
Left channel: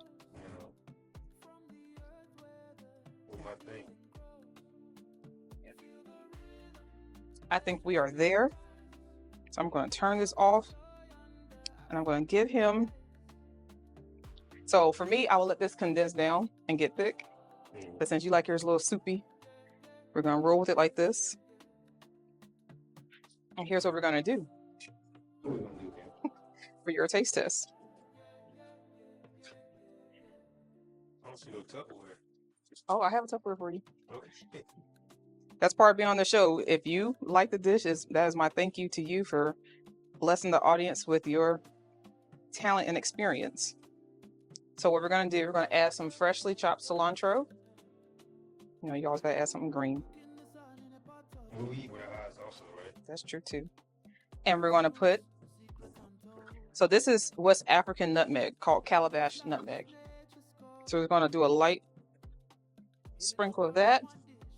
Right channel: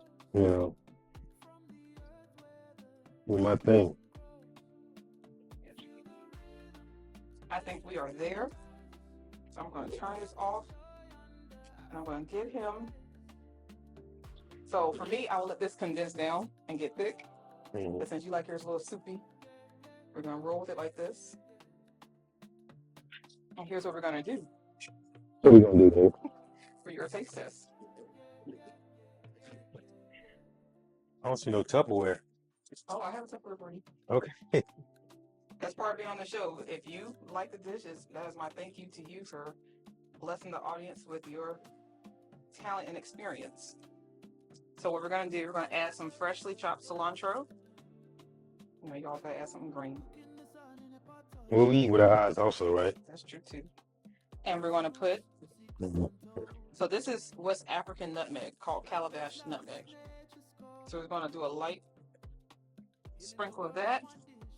With my thing. I think we are there. So I'm going to turn this off and I'm going to get him. So for me, I will let this condense down and get thick. Mm-hmm. But since you like yours a little soupy, we're going to roll with it like this. And here's what we're going to do. What are we going to do, Dave? For your taste test. I don't see no Tupperware. Oh, I have a Tupperware for you. Okay. That's part of being on the show. If you like the dish, that is my thank you to you for blessing the audience with your talent and experience. So what we're going to do, we're going to add some freshly chopped cilantro. You always got to add something green. Well, we eat with our eyes also, right? That's true too. And we're going to put, so this is West African nutmeg called calabash nutmeg. So we're going to do a light sprinkle of that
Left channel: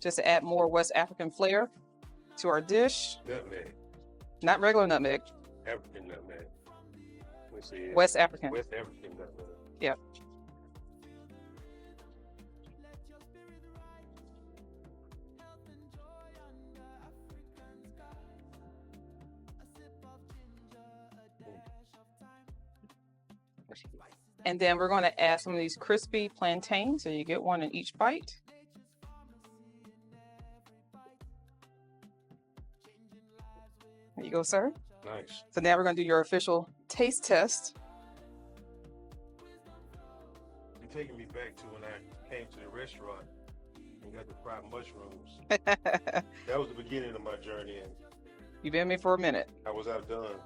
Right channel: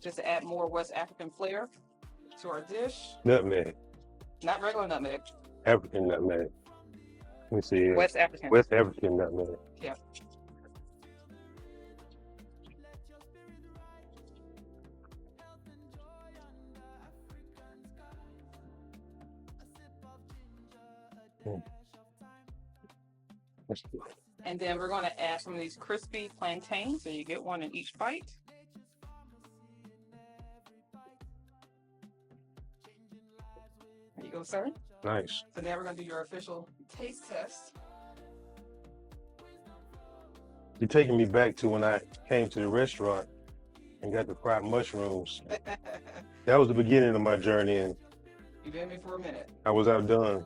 just to add more West African flair to our dish. Nutmeg. Not regular nutmeg. African nutmeg. Let me see. West African. West African nutmeg. Yep. And then we're going to add some of these crispy plantains, so you get one in each bite. There you go, sir. Nice. So now we're going to do your official taste test. You're taking me back to when I came to the restaurant and got the fried mushrooms. That was the beginning of my journey, and You've been with me for a minute. I was outdone.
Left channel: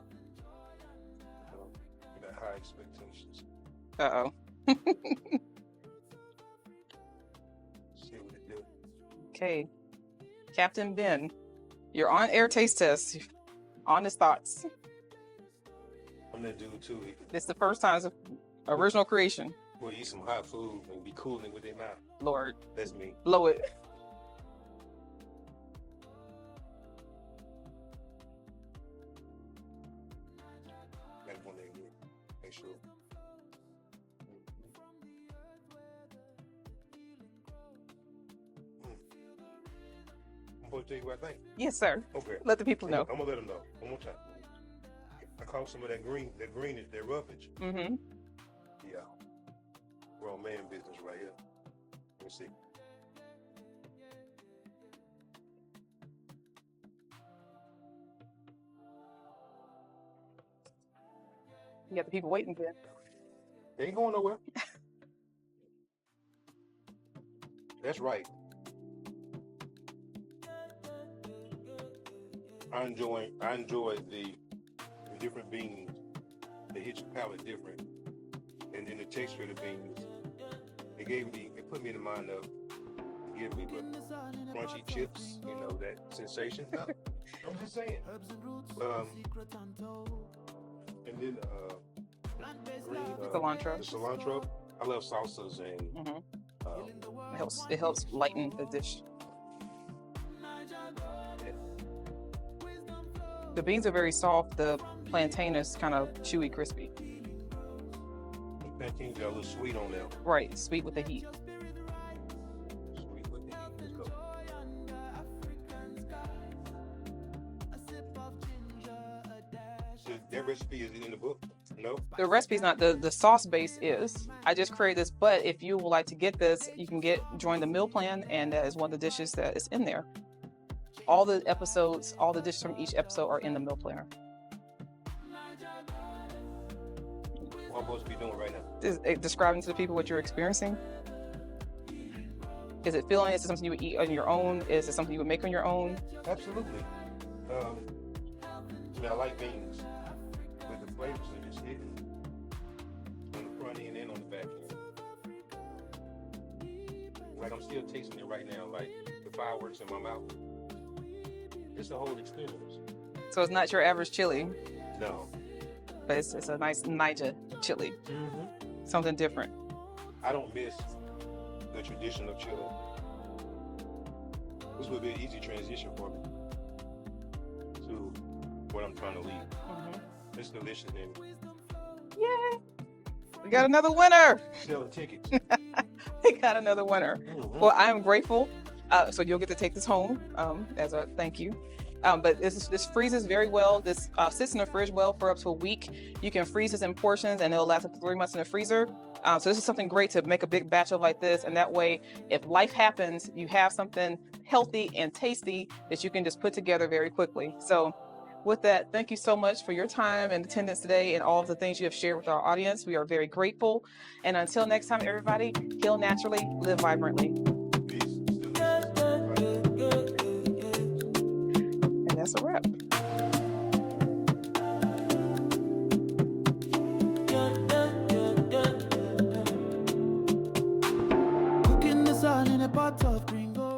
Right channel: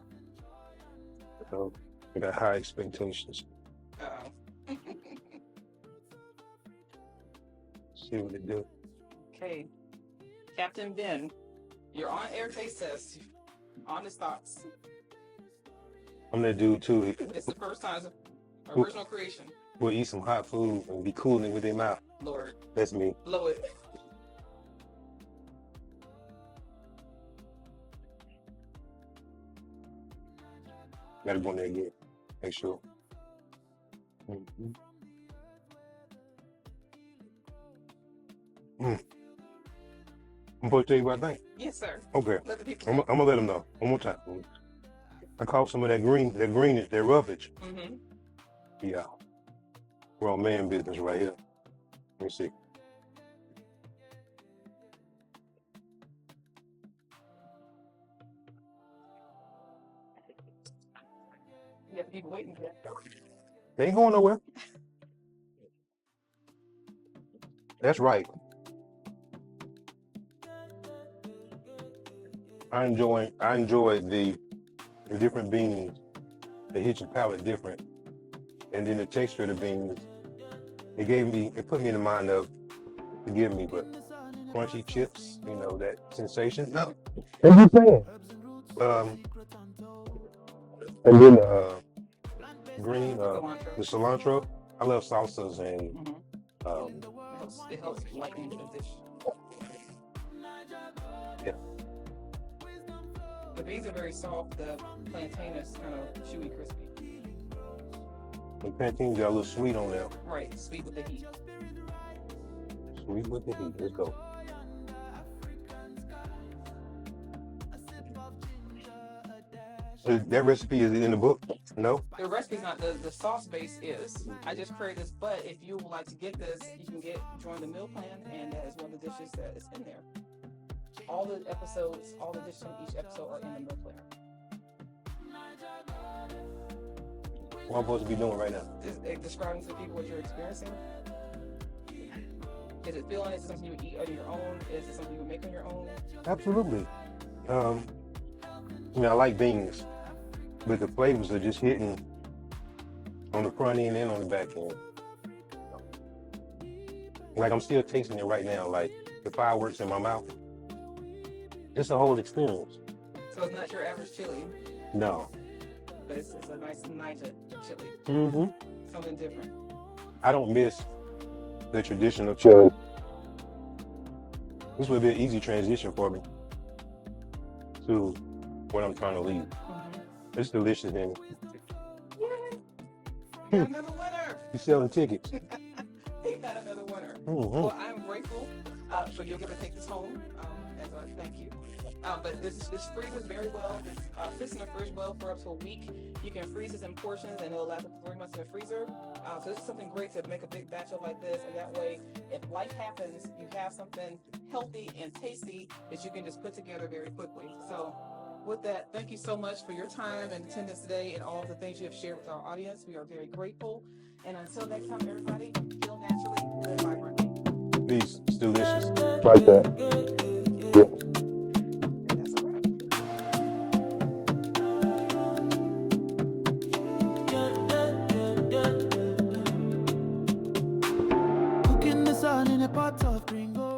So I got high expectations. Uh-oh. See what it do. Okay. Captain Ben, you're on air taste test. Honest thoughts. I'm that dude too. It's the first time. It's an original creation. We'll eat some hot food and be cooling with their mouth. Lord. That's me. Blow it. Gotta go in there again. Make sure. Mm-hmm. I'm supposed to tell you what I think. Yes, sir. Okay. Let the people I'm know. gonna let them know one more time. I caught some of that greenish, that roughage. Mm-hmm. Yeah. We're on man business right here. Let me see. You got the people waiting for you. They ain't going nowhere. That's right. I enjoy the different beans. They hit your palate different, and then the texture of the beans. It put me in the mind of, forgive me, but crunchy chips. You know that sensation. Oh, what you saying? And then green, Cilantro. the cilantro. I love salsas and It helps lighten the dish. yeah. The beans are very soft. The plantain is kind of chewy, crispy. The plantain got a little sweet on there. Right, sweet with the heat. Sweet with the heat. Let's go. That recipe is in the book? No? The recipe's not, the sauce base is. I just created this, but if you would like to get this, you can join the meal plan, and that is one of the dishes that is in there. All the episodes, all the dishes from each episode are in the meal planner. What I'm supposed to be doing right now? Describing to the people what you're experiencing. Is it filling? Is it something you would eat on your own? Is it something you would make on your own? Absolutely. I like beans, but the flavors are just hitting on the front end and on the back end. Like I'm still tasting it right now, like the fireworks in my mouth. It's a whole experience. So it's not your average chili. No. But it's a nice Naija chili. Mm-hmm. Something different. I don't miss the traditional chili. This will be an easy transition for me to what I'm trying to leave. Mm-hmm. It's delicious, man. Yay! We got another winner. You selling tickets? We got another winner. Mm-hmm. Well, I am grateful. So you'll get to take this home as a thank you. But this freezes very well. This sits in the fridge well for up to a week. You can freeze this in portions, and it'll last up to 3 months in the freezer. So this is something great to make a big batch of like this, and that way, if life happens, you have something healthy and tasty that you can just put together very quickly. So with that, thank you so much for your time and attendance today and all of the things you have shared with our audience. We are very grateful. And until next time, everybody, heal naturally, live vibrantly. Peace. It's delicious. Like that. Yeah. And that's a wrap. Cooking the sun in a pot of gringo.